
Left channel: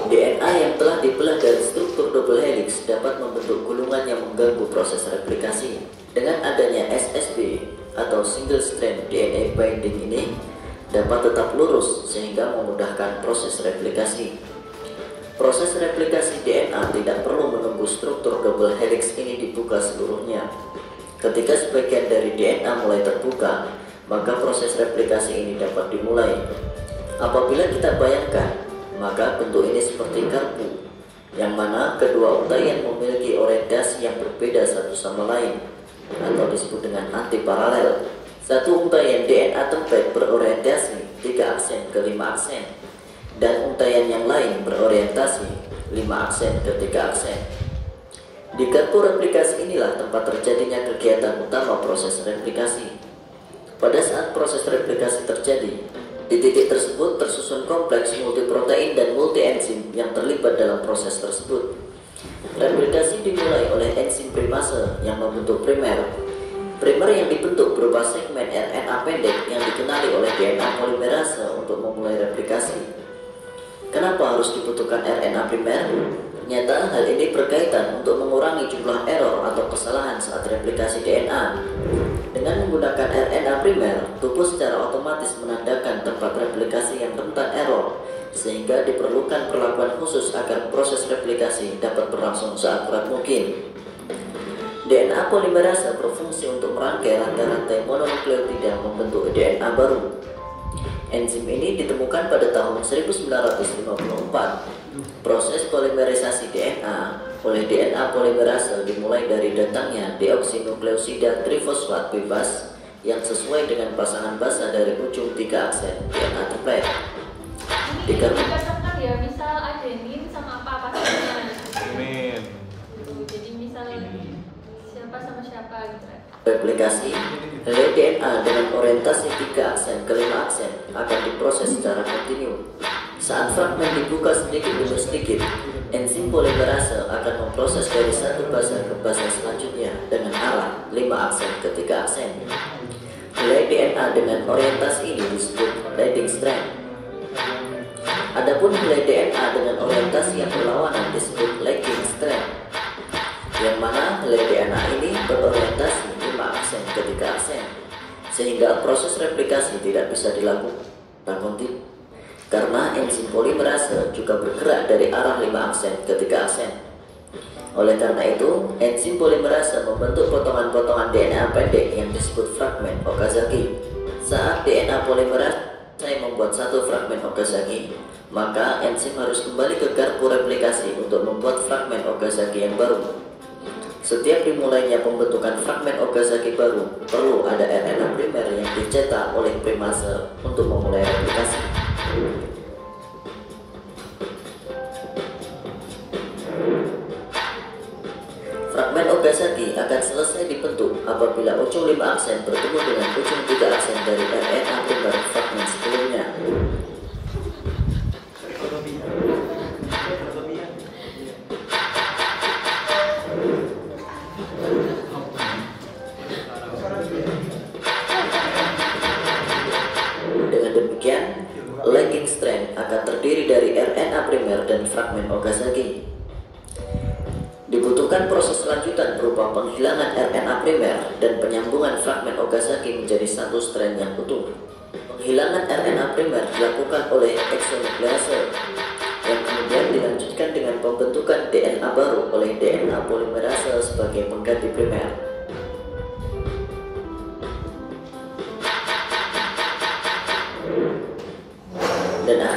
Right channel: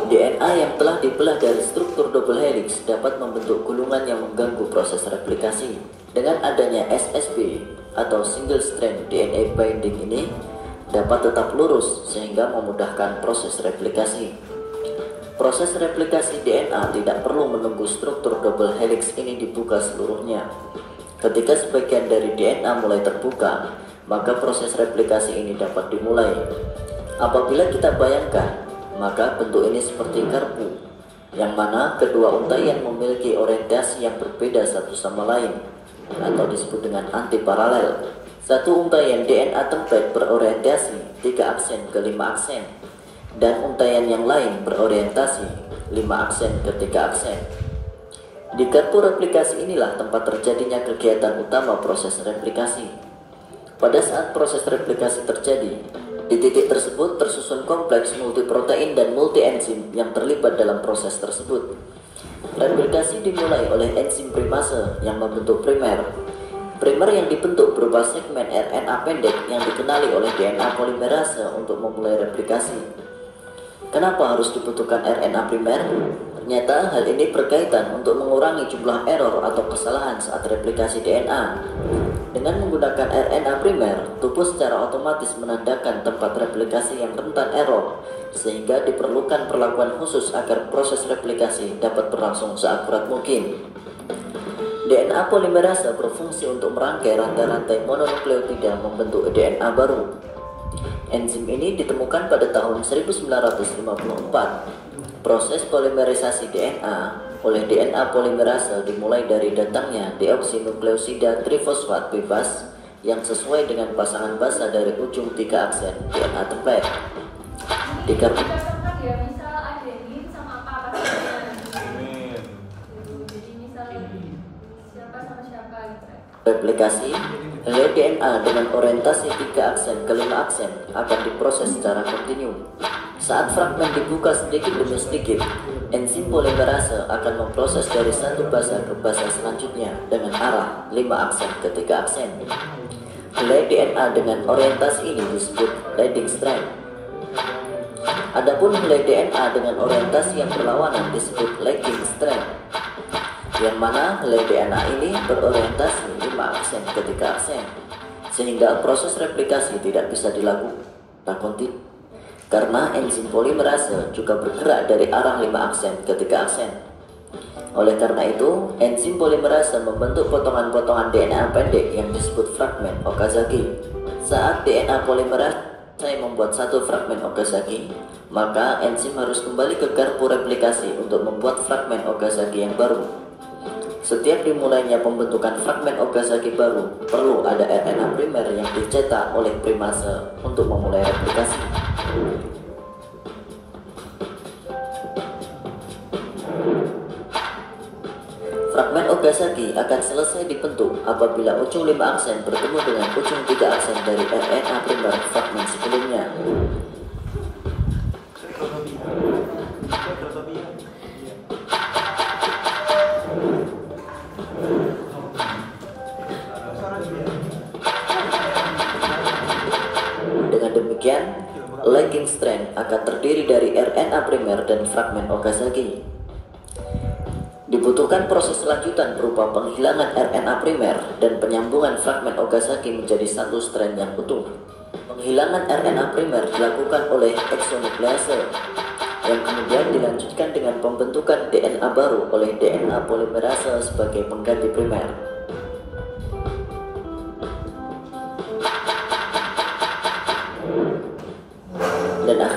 DNA yang telah dibelah dari struktur double helix dapat membentuk gulungan yang mengganggu proses replikasi. Dengan adanya SSB atau single strand DNA binding ini dapat tetap lurus sehingga memudahkan proses replikasi. Proses replikasi DNA tidak perlu menunggu struktur double helix ini dibuka seluruhnya. Ketika sebagian dari DNA mulai terbuka, maka proses replikasi ini dapat dimulai. Apabila kita bayangkan, maka bentuk ini seperti garpu, yang mana kedua untaian memiliki orientasi yang berbeda satu sama lain, atau disebut dengan antiparalel. Satu untaian DNA template berorientasi 3 aksen ke 5 aksen, dan untaian yang lain berorientasi 5 aksen ke 3 aksen. Di garpu replikasi inilah tempat terjadinya kegiatan utama proses replikasi. Pada saat proses replikasi terjadi, di titik tersebut tersusun kompleks multiprotein dan multienzim yang terlibat dalam proses tersebut. Replikasi dimulai oleh enzim primase yang membentuk primer. Primer yang dibentuk berupa segmen RNA pendek yang dikenali oleh DNA polimerase untuk memulai replikasi. Kenapa harus dibutuhkan RNA primer? Ternyata hal ini berkaitan untuk mengurangi jumlah error atau kesalahan saat replikasi DNA. Dengan menggunakan RNA primer, tubuh secara otomatis menandakan tempat replikasi yang rentan error, sehingga diperlukan perlakuan khusus agar proses replikasi dapat berlangsung seakurat mungkin. DNA polimerase berfungsi untuk merangkai rantai-rantai mononukleotida membentuk DNA baru. Enzim ini ditemukan pada tahun 1954. Proses polimerisasi DNA oleh DNA polimerase dimulai dari datangnya deoksinukleosida trifosfat bebas yang sesuai dengan pasangan basa dari ujung 3 aksen DNA template. Dikatakan ya, misal adenin sama apa pasangannya. Amin. Jadi misal siapa sama siapa gitu. Replikasi helai DNA dengan orientasi 3 aksen ke 5 aksen akan diproses secara kontinu. Saat fragmen dibuka sedikit demi sedikit, enzim polimerase akan memproses dari satu basa ke basa selanjutnya dengan arah 5 aksen ke 3 aksen. Helai DNA dengan orientasi ini disebut leading strand. Adapun helai DNA dengan orientasi yang berlawanan disebut lagging strand, yang mana helai DNA ini berorientasi 5 aksen ke 3 aksen, sehingga proses replikasi tidak bisa dilakukan kontinu. Karena enzim polimerase juga bergerak dari arah 5 aksen ke 3 aksen. Oleh karena itu, enzim polimerase membentuk potongan-potongan DNA pendek yang disebut fragmen Okazaki. Saat DNA polimerase membuat satu fragmen Okazaki, maka enzim harus kembali ke garpu replikasi untuk membuat fragmen Okazaki yang baru. Setiap dimulainya pembentukan fragmen Okazaki baru, perlu ada RNA primer yang dicetak oleh primase untuk memulai replikasi. Fragmen Okazaki akan selesai dibentuk apabila ujung 5 aksen bertemu dengan ujung 3 aksen dari RNA primer fragmen sebelumnya. Dengan demikian, lagging strand akan terdiri dari RNA primer dan fragmen Okazaki. Dibutuhkan proses lanjutan berupa penghilangan RNA primer dan penyambungan fragmen Okazaki menjadi satu strand yang utuh. Penghilangan RNA primer dilakukan oleh exonuklease, yang kemudian dilanjutkan dengan pembentukan DNA baru oleh DNA polimerase sebagai pengganti primer.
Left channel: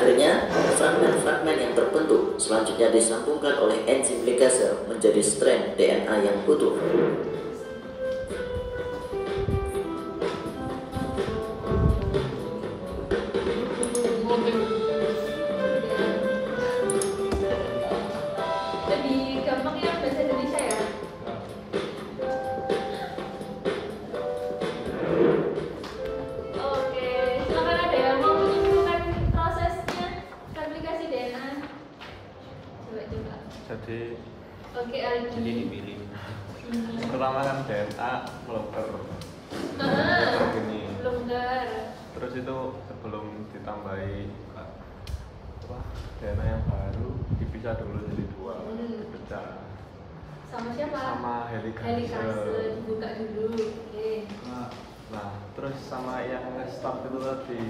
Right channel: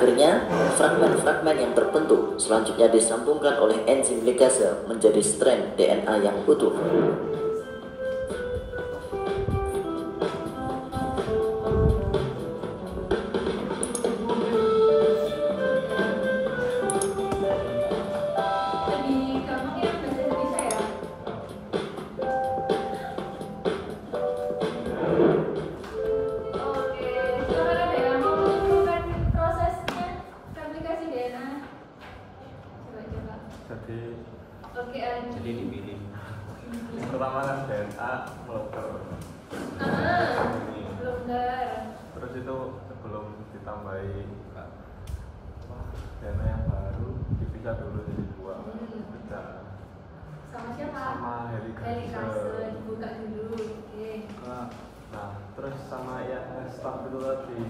Akhirnya, fragmen-fragmen yang terbentuk selanjutnya disambungkan oleh enzim ligase menjadi strand DNA yang utuh. Lebih gampang ya bahasa Indonesia ya. Oke, silakan ada yang mau menyimpulkan prosesnya replikasi DNA. Coba. Jadi Oke, Aldi. pertama kan DNA locker. Blunder. Terus itu sebelum ditambahi DNA yang baru dipisah dulu jadi dua, pecah. Sama siapa? Sama helikase. Helikase dibuka dulu. Oke. Nah, terus sama yang restart itu tadi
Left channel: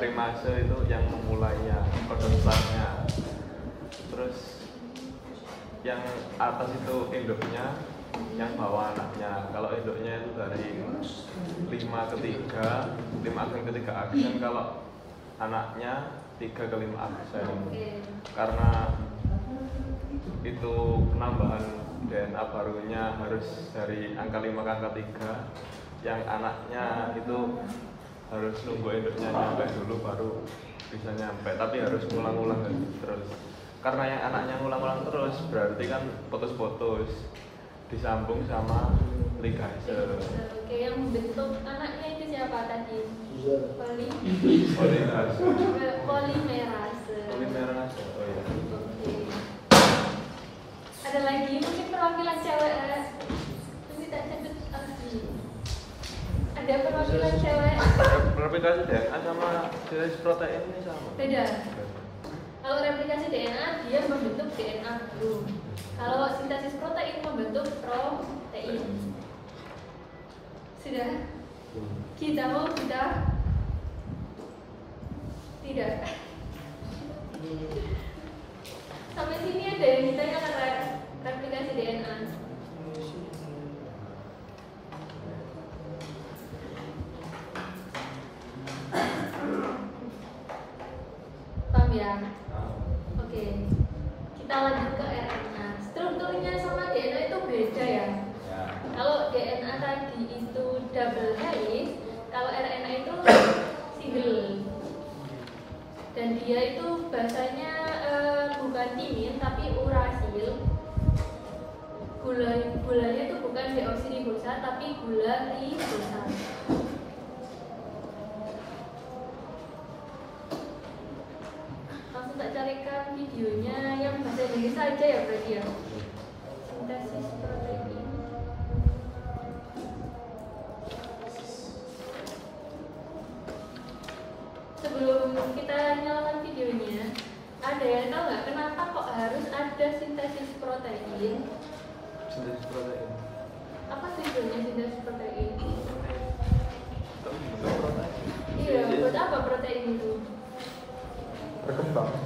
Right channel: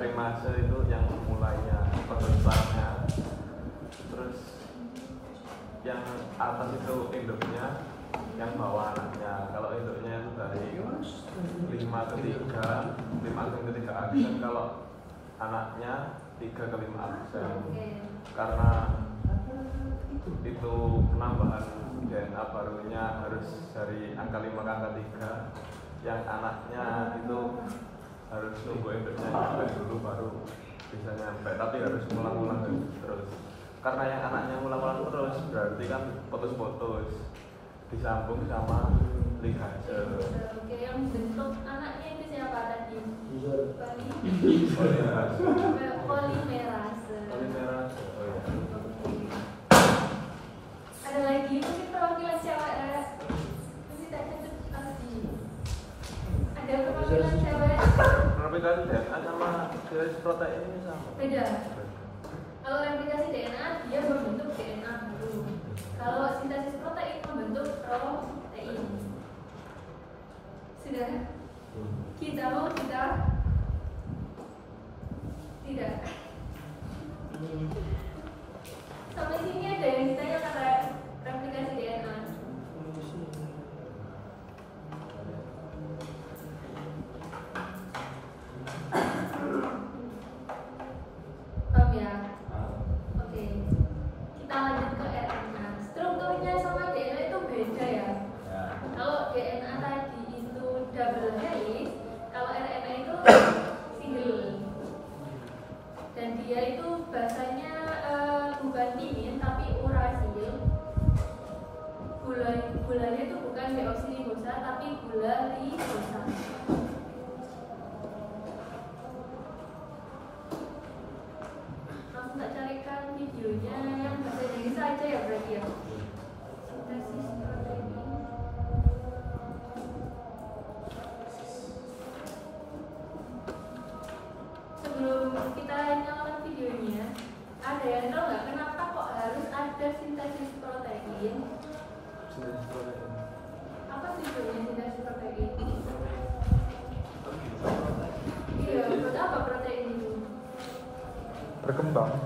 primase itu yang memulainya, perusahaannya. Terus yang atas itu induknya, yang bawah anaknya. Kalau induknya itu dari 5 ke 3, 5 ke 3 aksen. Kalau anaknya 3 ke 5 aksen. Karena itu penambahan DNA barunya harus dari angka 5 ke angka 3. Yang anaknya itu harus nunggu induknya nyampe dulu baru bisa nyampe, tapi harus ngulang-ngulang terus. Karena yang anaknya ngulang-ngulang terus berarti kan putus-putus disambung sama ligase. Oke, yang bentuk anaknya itu siapa tadi? Polimerase. Oh iya. Oke. Ada lagi mungkin perwakilan cewek nanti tak sebut lagi. Ada perwakilan cewek. Replikasi DNA sama jenis protein ini sama. Beda. Kalau replikasi DNA dia membentuk DNA baru. Kalau sintesis protein membentuk protein. Sudah? Kita mau kita tidak. Sampai sini ada yang ditanyakan replikasi DNA. Paham ya? Oke. Kita lanjut ke RNA. Strukturnya sama DNA itu beda ya. Kalau DNA tadi itu double helix, kalau RNA itu single. Dan dia itu bahasanya bukan timin tapi urasil. Gulanya itu bukan deoksiribosa tapi gula ribosa. Langsung tak carikan videonya yang bahasa Indonesia aja ya berarti ya. Sintesis protein. Sebelum kita nyalakan videonya, ada yang tahu nggak kenapa kok harus ada sintesis protein? Jenis protein. Apa tujuannya sintesis protein? Iya, buat apa protein itu? Berkembang,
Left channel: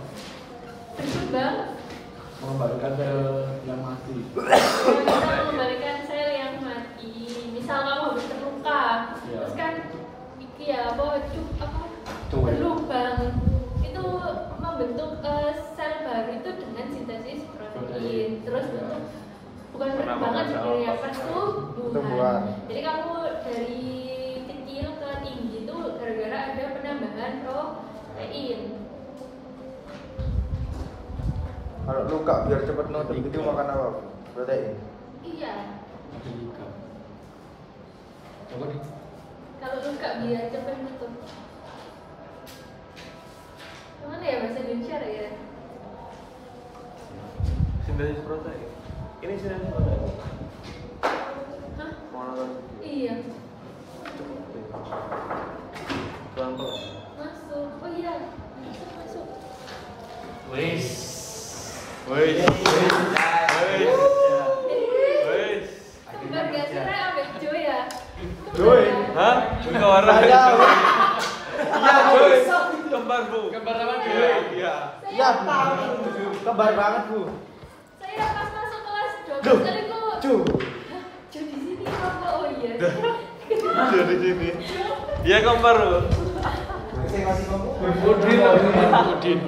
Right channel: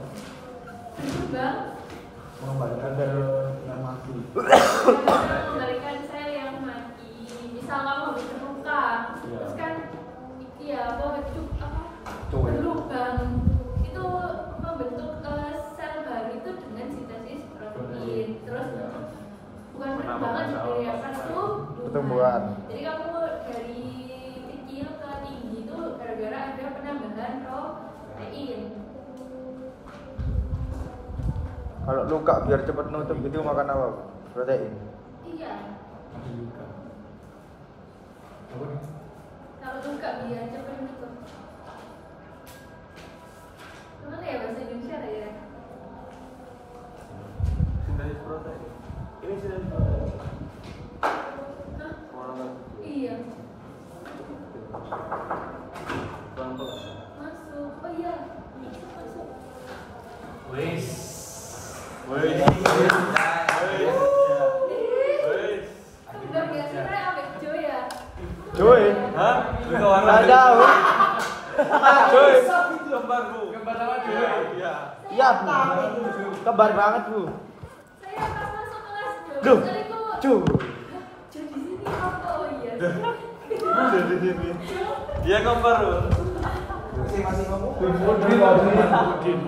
Berkembang? mengembalikan sel yang mati. Bisa mengembalikan sel yang mati. Misal kamu habis terluka, terus kan iki ya apa berlubang itu membentuk sel baru itu dengan sintesis protein. Terus bukan perkembangan sebenarnya pertumbuhan. Jadi kamu dari kecil ke tinggi itu gara-gara ada penambahan protein. Kalau luka biar cepat menutup itu makan apa? Protein. Iya. Kalau luka biar cepat nutup. Gimana ya bahasa Indonesia ya? Sintesis protein. Ini sintesis protein. Hah? Mau Iya. pelan-pelan. Masuk. Oh iya. Masuk. Wis. Kembar gak sih Ray ambek Jo ya? Hah? Bukan orang. Ada. Kembar Bu. Kembar sama dia. Iya. Iya, kembar banget, Bu. Saya pas masuk kelas Duh. 12 kali kok. Duh. Jo di sini apa? Oh iya. Jadi sini. Jo Dia kompar loh. Masih ngomong. Udin.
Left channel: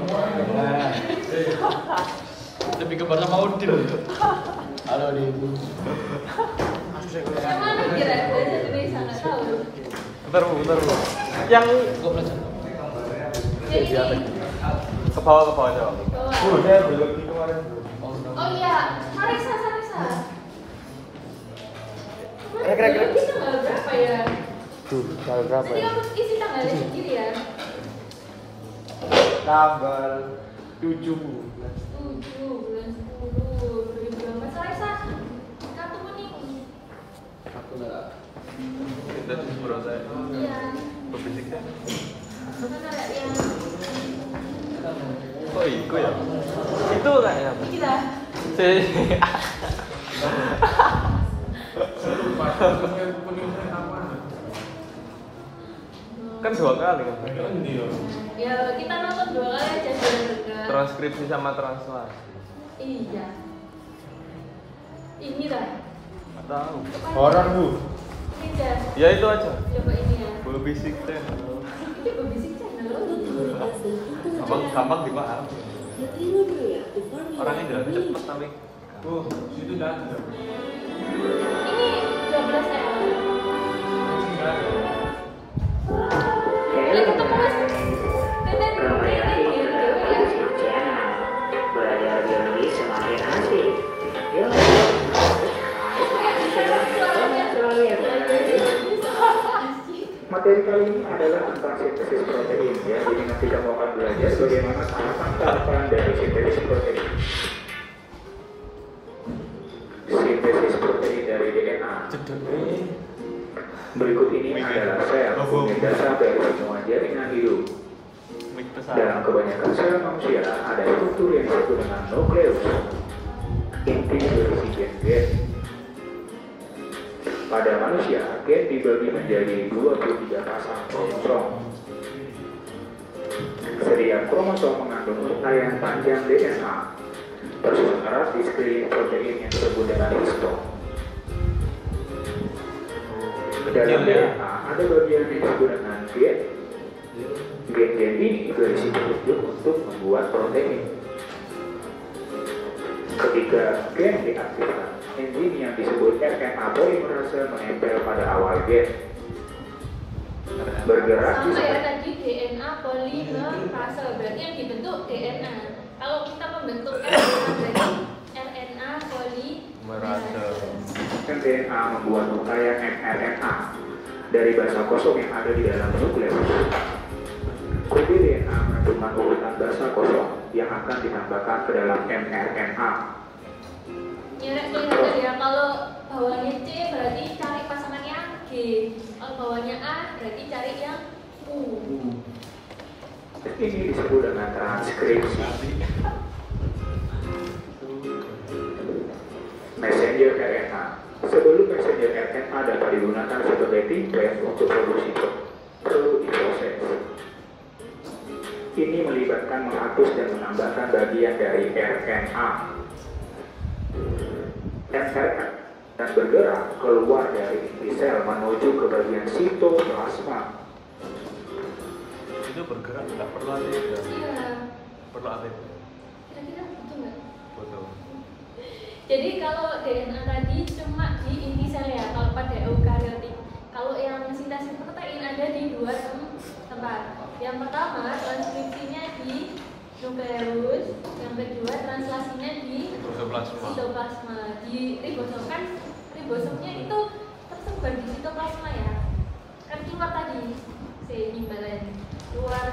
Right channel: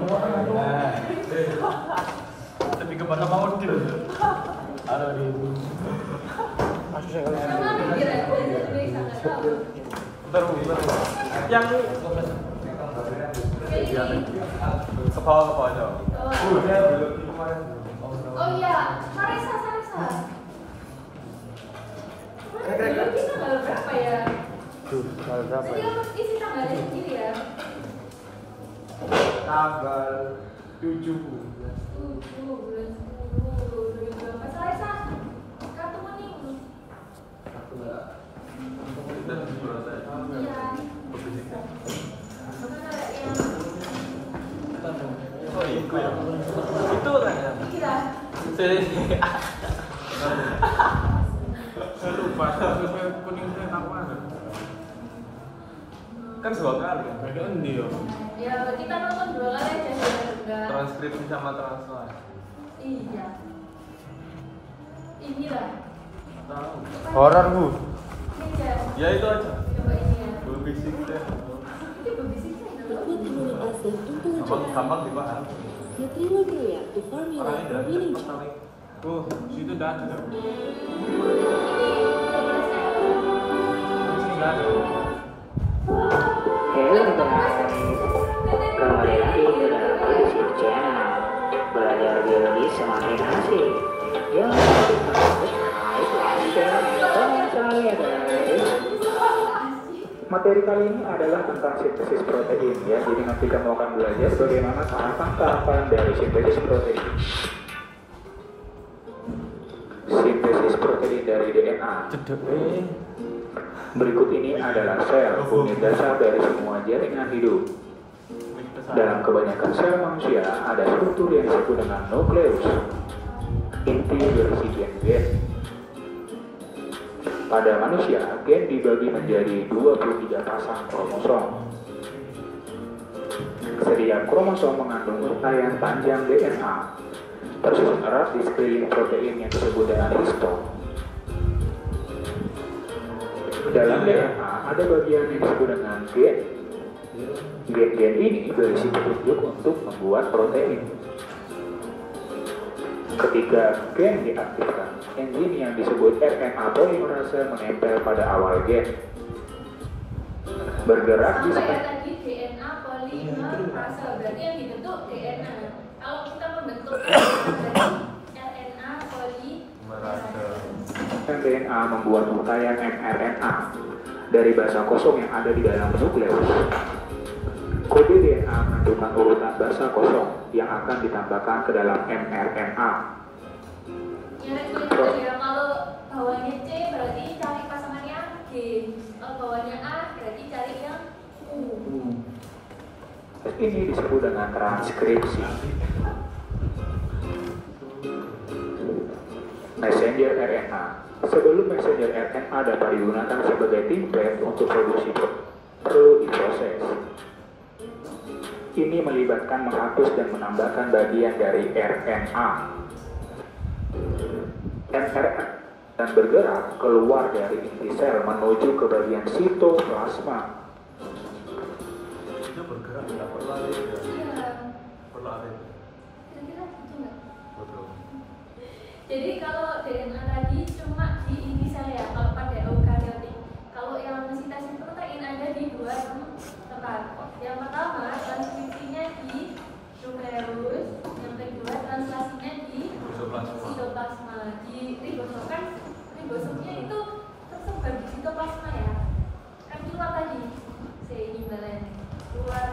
Lebih kembar sama Udin. Halo Udin. Sama mikir aja Indonesia nggak tahu. Bentar. Yang Jadi ke bawah aja. Udah belum di kemarin. oh iya, Sarisa. Kira-kira. Kita tanggal berapa ya? Tanggal berapa? Nanti kamu isi tanggalnya sendiri ya. Tanggal 7. 7 bulan 10 2018. Sarisa, kartu kuning. Itu berapa saya? Iya. Berbisik ya. Bukan ada yang Oh itu ya. Itu kayaknya. kita. Kan 2 kali kan. Ya kita nonton 2 kali aja juga. Transkripsi sama translasi. Iya. Ini dah. Tahu. Horor, Bu. Ini dah. Ya itu aja. Coba ini ya. Berbisik deh. Ini berbisik channel. Nucleic acid Cok intelligence. gampang dipaham. The payload react the formula Orangnya for dalam reading cepet tapi. Itu dah. Ini 12 tahun. Kembali lagi ke Basic Channel. Belajar biologi semakin asik. Yuk. Materi kali ini adalah tentang sintesis protein ya. Jadi nanti kamu akan belajar bagaimana tahapan-tahapan dari sintesis protein. Sintesis protein dari DNA. Berikut ini adalah sel, unit dasar dari semua jaringan hidup. Dalam kebanyakan sel manusia ada struktur yang disebut dengan nukleus. Inti berisi gen-gen. Pada manusia, gen dibagi menjadi 23 pasang kromosom. Setiap kromosom mengandung rangkaian panjang DNA. Tersusun erat di sekeliling protein yang disebut dengan histone. Dalam DNA ada bagian yang disebut dengan gen. Gen-gen ini berisi petunjuk untuk membuat protein. Ketika gen diaktifkan, enzim yang disebut RNA polimerase menempel pada awal gen. Bergerak di Sama ya tadi DNA polimerase, berarti yang dibentuk DNA. Kalau kita membentuk RNA berarti RNA polimerase. mRNA membuat rangkaian mRNA dari basa kosong yang ada di dalam nukleus. Kode DNA menentukan urutan basa kosong yang akan ditambahkan ke dalam mRNA. Ya, kalau bawahnya C berarti cari pasangannya G. Kalau bawahnya A berarti cari yang U. Ini disebut dengan transkripsi. Messenger RNA. Sebelum messenger RNA dapat digunakan sebagai template untuk produksi perlu diproses. Ini melibatkan menghapus dan menambahkan bagian dari RNA. mRNA dan bergerak keluar dari inti sel menuju ke bagian sitoplasma. Itu bergerak nggak perlu ATP. Iya. Perlu ATP. Kira-kira betul nggak? Betul. Jadi kalau DNA tadi cuma di inti sel ya, kalau pada eukariotik. Kalau yang sintesis protein ada di 2 tempat. Yang pertama transkripsinya di nukleus, yang kedua translasinya di sitoplasma. Di ribosom kan ribosomnya itu tersebar di sitoplasma ya. Kan keluar tadi imbalannya. Keluar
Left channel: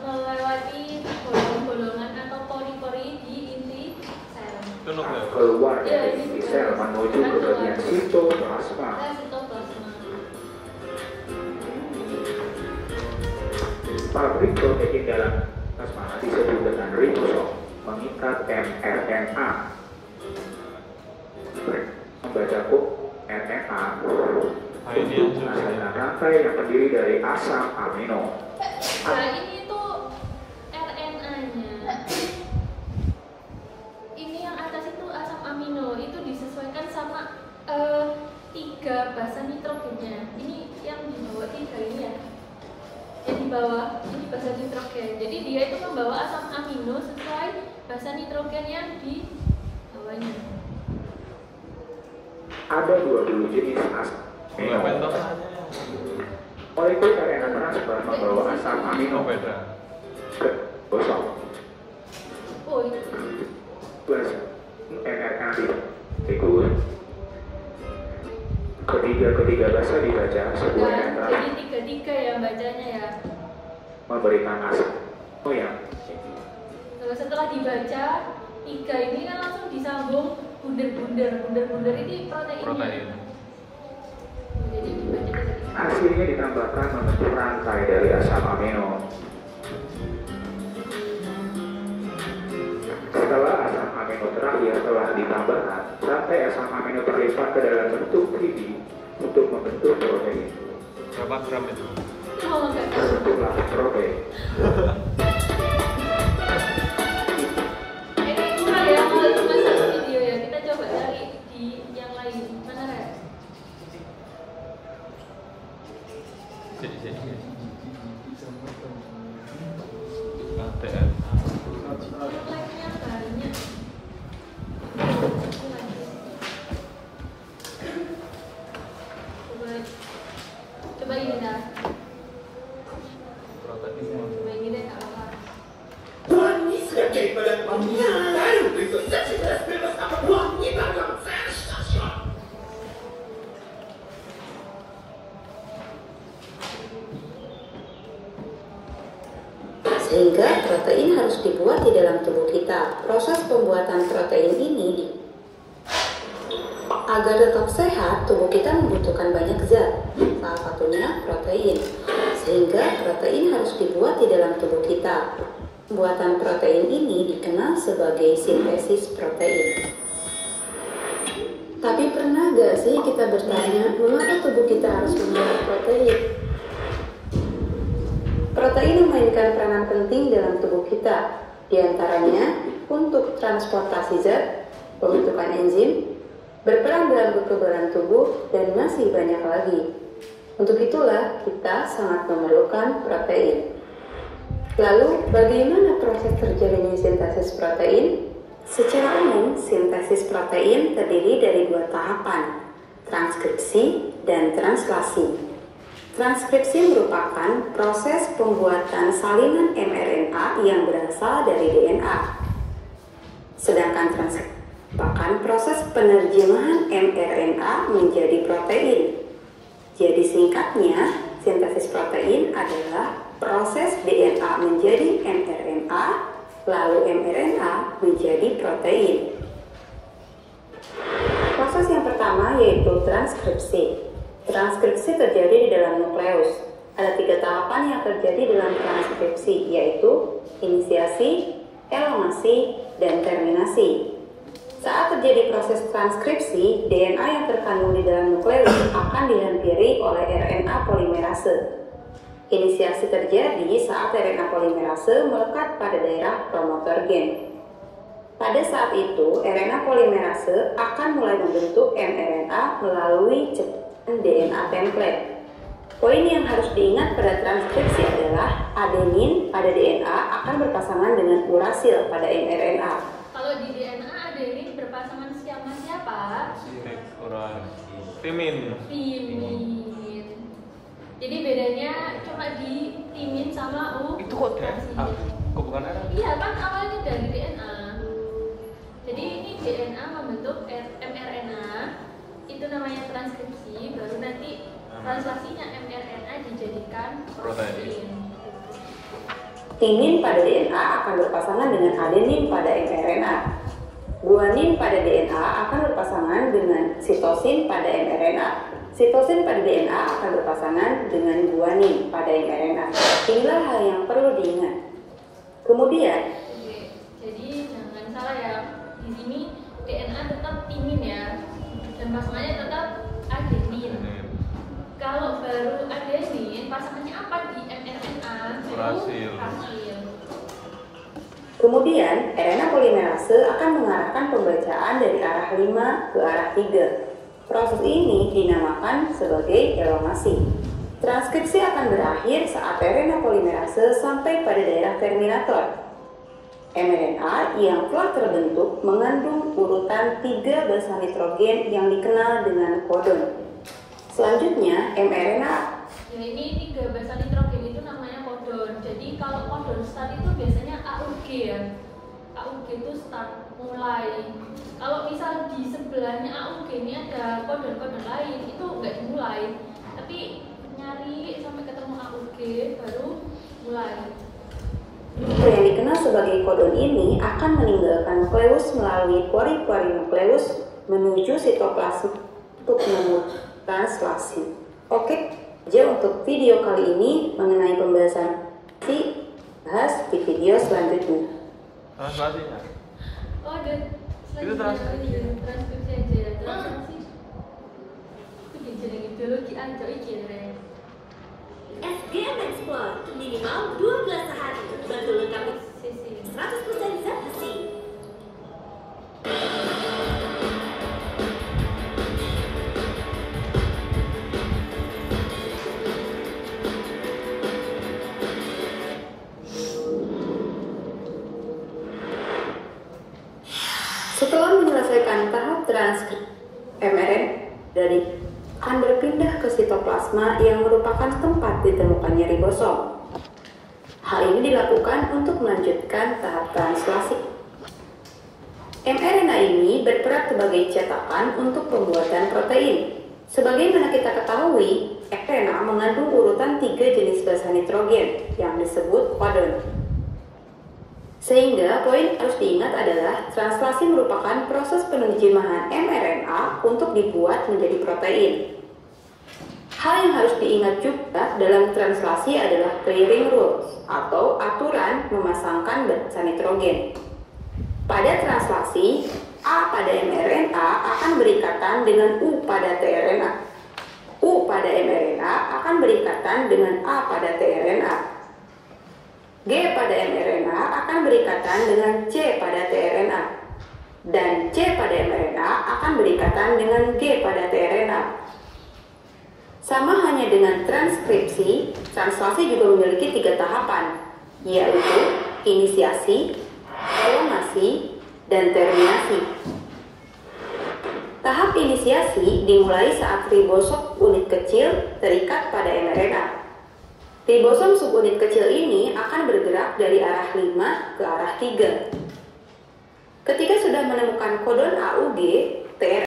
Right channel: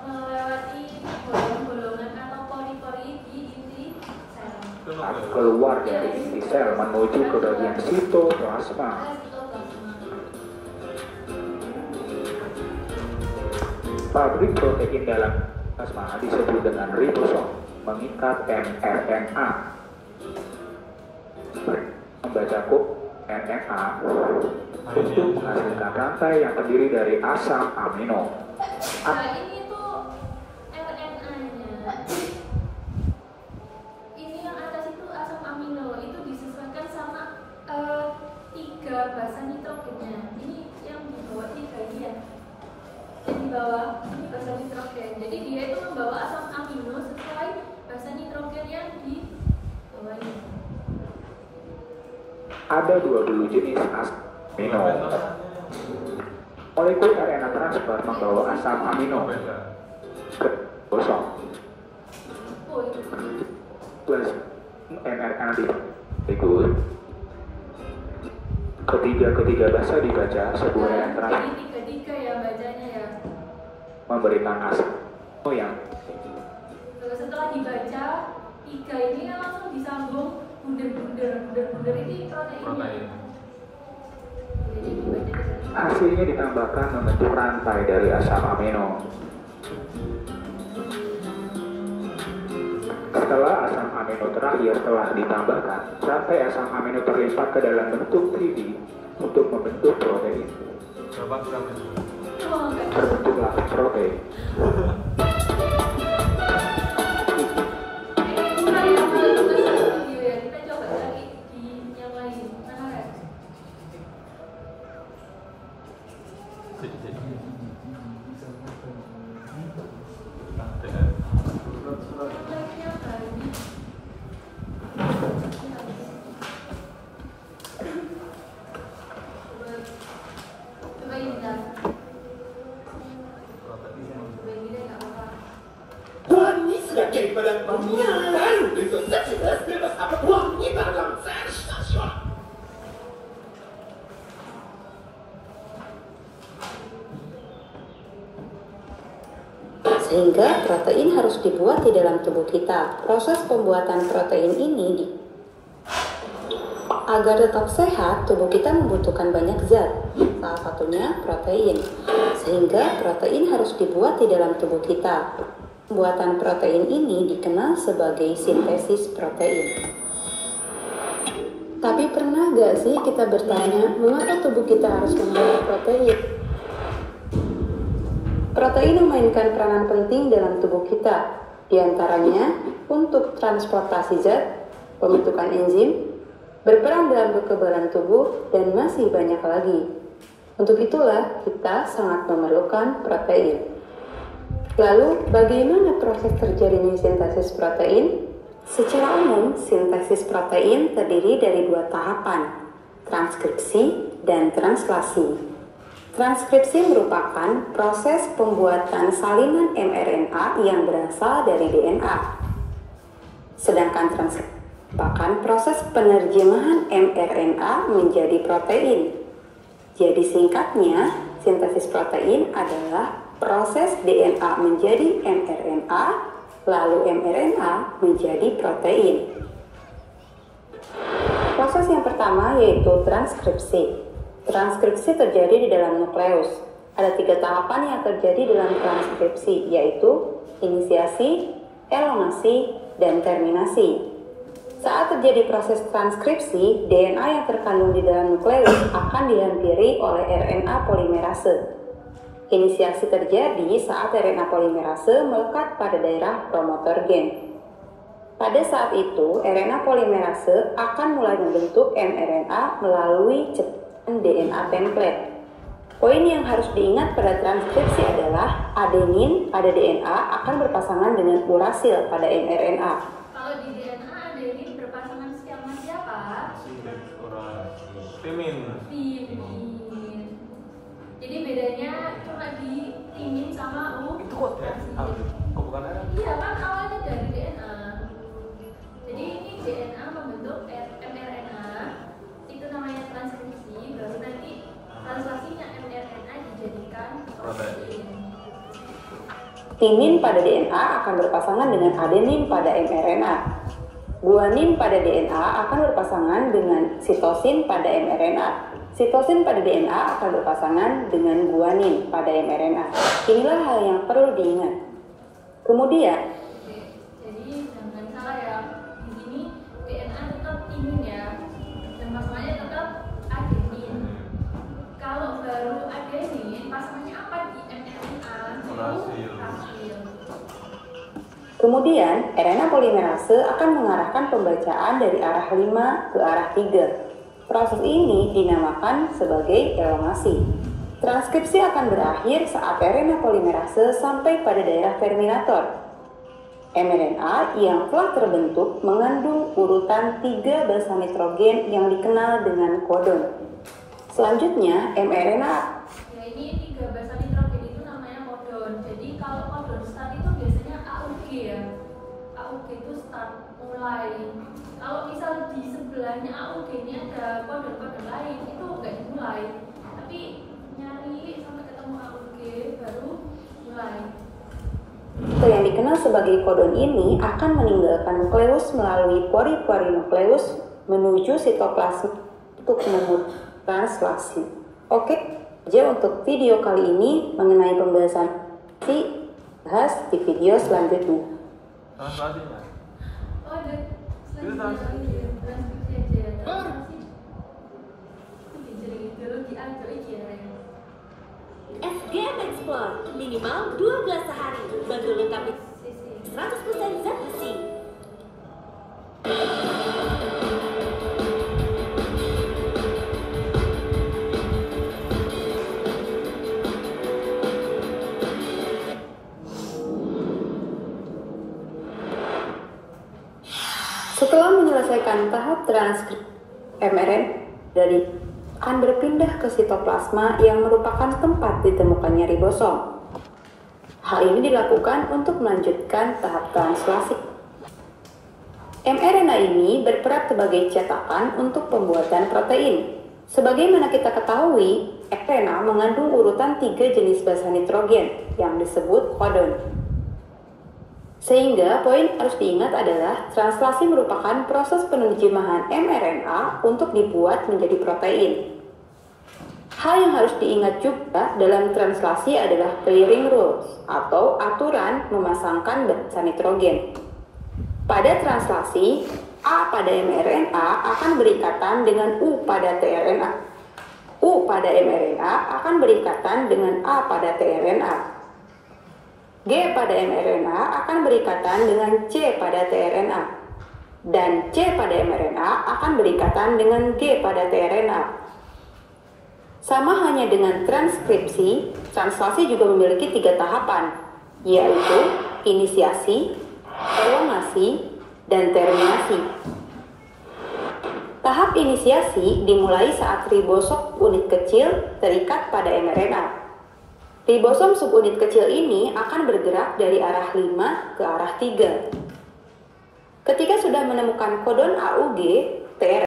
melewati golongan-golongan atau pori-pori di inti sel. Keluar dari inti sel menuju ke bagian sitoplasma. Pabrik protein dalam plasma disebut dengan ribosom, mengikat mRNA. Membaca kode RNA untuk menghasilkan rantai yang terdiri dari asam amino. Nah ini tuh RNA-nya. Ini yang atas itu asam amino, itu disesuaikan sama 3 basa nitrogennya. Ini yang di bawah Ada 20 jenis asam amino. Molekul RNA transfer membawa asam amino ke kosong. Plus mRNA ikut. Ketiga bahasa dibaca sebuah yang jadi tiga ya bacanya ya. Memberikan asam yang Terus setelah dibaca tiga ini kan langsung disambung bunder ini proteinnya. Jadi dibaca hasilnya ditambahkan membentuk rantai dari asam amino. Setelah asam amino terakhir telah ditambahkan, rantai asam amino terlipat ke dalam bentuk 3D untuk membentuk protein. Berapa gram itu? Terbentuklah protein. Kita coba cari di yang lain. Mana kan? Coba ini dah. Coba ini deh, tak apa. Wangi sebagai badan baru dengan jelas bebas apa wangi dalam stasiun. Sehingga protein harus dibuat di dalam tubuh kita. Proses pembuatan protein ini agar tetap sehat, tubuh kita membutuhkan banyak zat, salah satunya protein. Sehingga protein harus dibuat di dalam tubuh kita. Pembuatan protein ini dikenal sebagai sintesis protein. Tapi pernah gak sih kita bertanya, mengapa tubuh kita harus membuat protein? Protein memainkan peranan penting dalam tubuh kita, diantaranya untuk transportasi zat, pembentukan enzim, berperan dalam kekebalan tubuh, dan masih banyak lagi. Untuk itulah kita sangat memerlukan protein. Lalu, bagaimana proses terjadinya sintesis protein? Secara umum, sintesis protein terdiri dari dua tahapan, transkripsi dan translasi. Transkripsi merupakan proses pembuatan salinan mRNA yang berasal dari DNA. Sedangkan translasi merupakan proses penerjemahan mRNA menjadi protein. Jadi singkatnya, sintesis protein adalah proses DNA menjadi mRNA, lalu mRNA menjadi protein. Proses yang pertama yaitu transkripsi. Transkripsi terjadi di dalam nukleus. Ada 3 tahapan yang terjadi dalam transkripsi, yaitu inisiasi, elongasi, dan terminasi. Saat terjadi proses transkripsi, DNA yang terkandung di dalam nukleus akan dihampiri oleh RNA polimerase. Inisiasi terjadi saat RNA polimerase melekat pada daerah promotor gen. Pada saat itu, RNA polimerase akan mulai membentuk mRNA melalui ceplok DNA template. Poin yang harus diingat pada transkripsi adalah adenin pada DNA akan berpasangan dengan urasil pada mRNA. Kalau di DNA adenin berpasangan sama siapa? Timin. Jadi bedanya cuma di timin sama Itu kok DNA? Bukan DNA? Iya kan awalnya dari DNA. Jadi ini DNA membentuk mRNA, itu namanya transkripsi, baru nanti translasinya mRNA dijadikan protein. Timin pada DNA akan berpasangan dengan adenin pada mRNA. Guanin pada DNA akan berpasangan dengan sitosin pada mRNA. Sitosin pada DNA akan berpasangan dengan guanin pada mRNA. Inilah hal yang perlu diingat. Kemudian, jadi jangan salah ya, di sini DNA tetap timin ya, dan pasangannya tetap adenin. Kalau baru adenin, pasangannya apa di mRNA? Urasil. Kemudian, RNA polimerase akan mengarahkan pembacaan dari arah 5 ke arah 3. Proses ini dinamakan sebagai elongasi. Transkripsi akan berakhir saat RNA polimerase sampai pada daerah terminator. mRNA yang telah terbentuk mengandung urutan 3 basa nitrogen yang dikenal dengan kodon. Selanjutnya, mRNA. Ya, ini 3 basa nitrogen itu namanya kodon. Jadi kalau kodon start itu biasanya AUG ya. AUG itu start, mulai. Kalau misal di sebelahnya AUG ini ada kodon-kodon lain, itu nggak dimulai. Tapi nyari sampai ketemu AUG baru mulai. Yang dikenal sebagai kodon ini akan meninggalkan nukleus melalui pori-pori nukleus menuju sitoplasma untuk translasi. Oke, jadi untuk video kali ini mengenai pembahasan bahas di video selanjutnya. Translasinya. Oh, ada Itu selanjutnya transkripsi aja. Translasi. Itu dijeneng itu diajak iki ya. SGM Explore minimal 12 hari. Bantu lengkapi 100% zat besi. Setelah menyelesaikan tahap transkripsi mRNA dari akan berpindah ke sitoplasma yang merupakan tempat ditemukannya ribosom. Hal ini dilakukan untuk melanjutkan tahap translasi. mRNA ini berperan sebagai cetakan untuk pembuatan protein. Sebagaimana kita ketahui, mRNA mengandung urutan 3 jenis basa nitrogen yang disebut kodon. Sehingga poin harus diingat adalah translasi merupakan proses penerjemahan mRNA untuk dibuat menjadi protein. Hal yang harus diingat juga dalam translasi adalah pairing rules atau aturan memasangkan basa nitrogen. Pada translasi, A pada mRNA akan berikatan dengan U pada tRNA. U pada mRNA akan berikatan dengan A pada tRNA. G pada mRNA akan berikatan dengan C pada tRNA. Dan C pada mRNA akan berikatan dengan G pada tRNA. Sama hanya dengan transkripsi, translasi juga memiliki 3 tahapan, yaitu inisiasi, elongasi, dan terminasi. Tahap inisiasi dimulai saat ribosom unit kecil terikat pada mRNA. Ribosom subunit kecil ini akan bergerak dari arah 5 ke arah 3. Ketika sudah menemukan kodon AUG,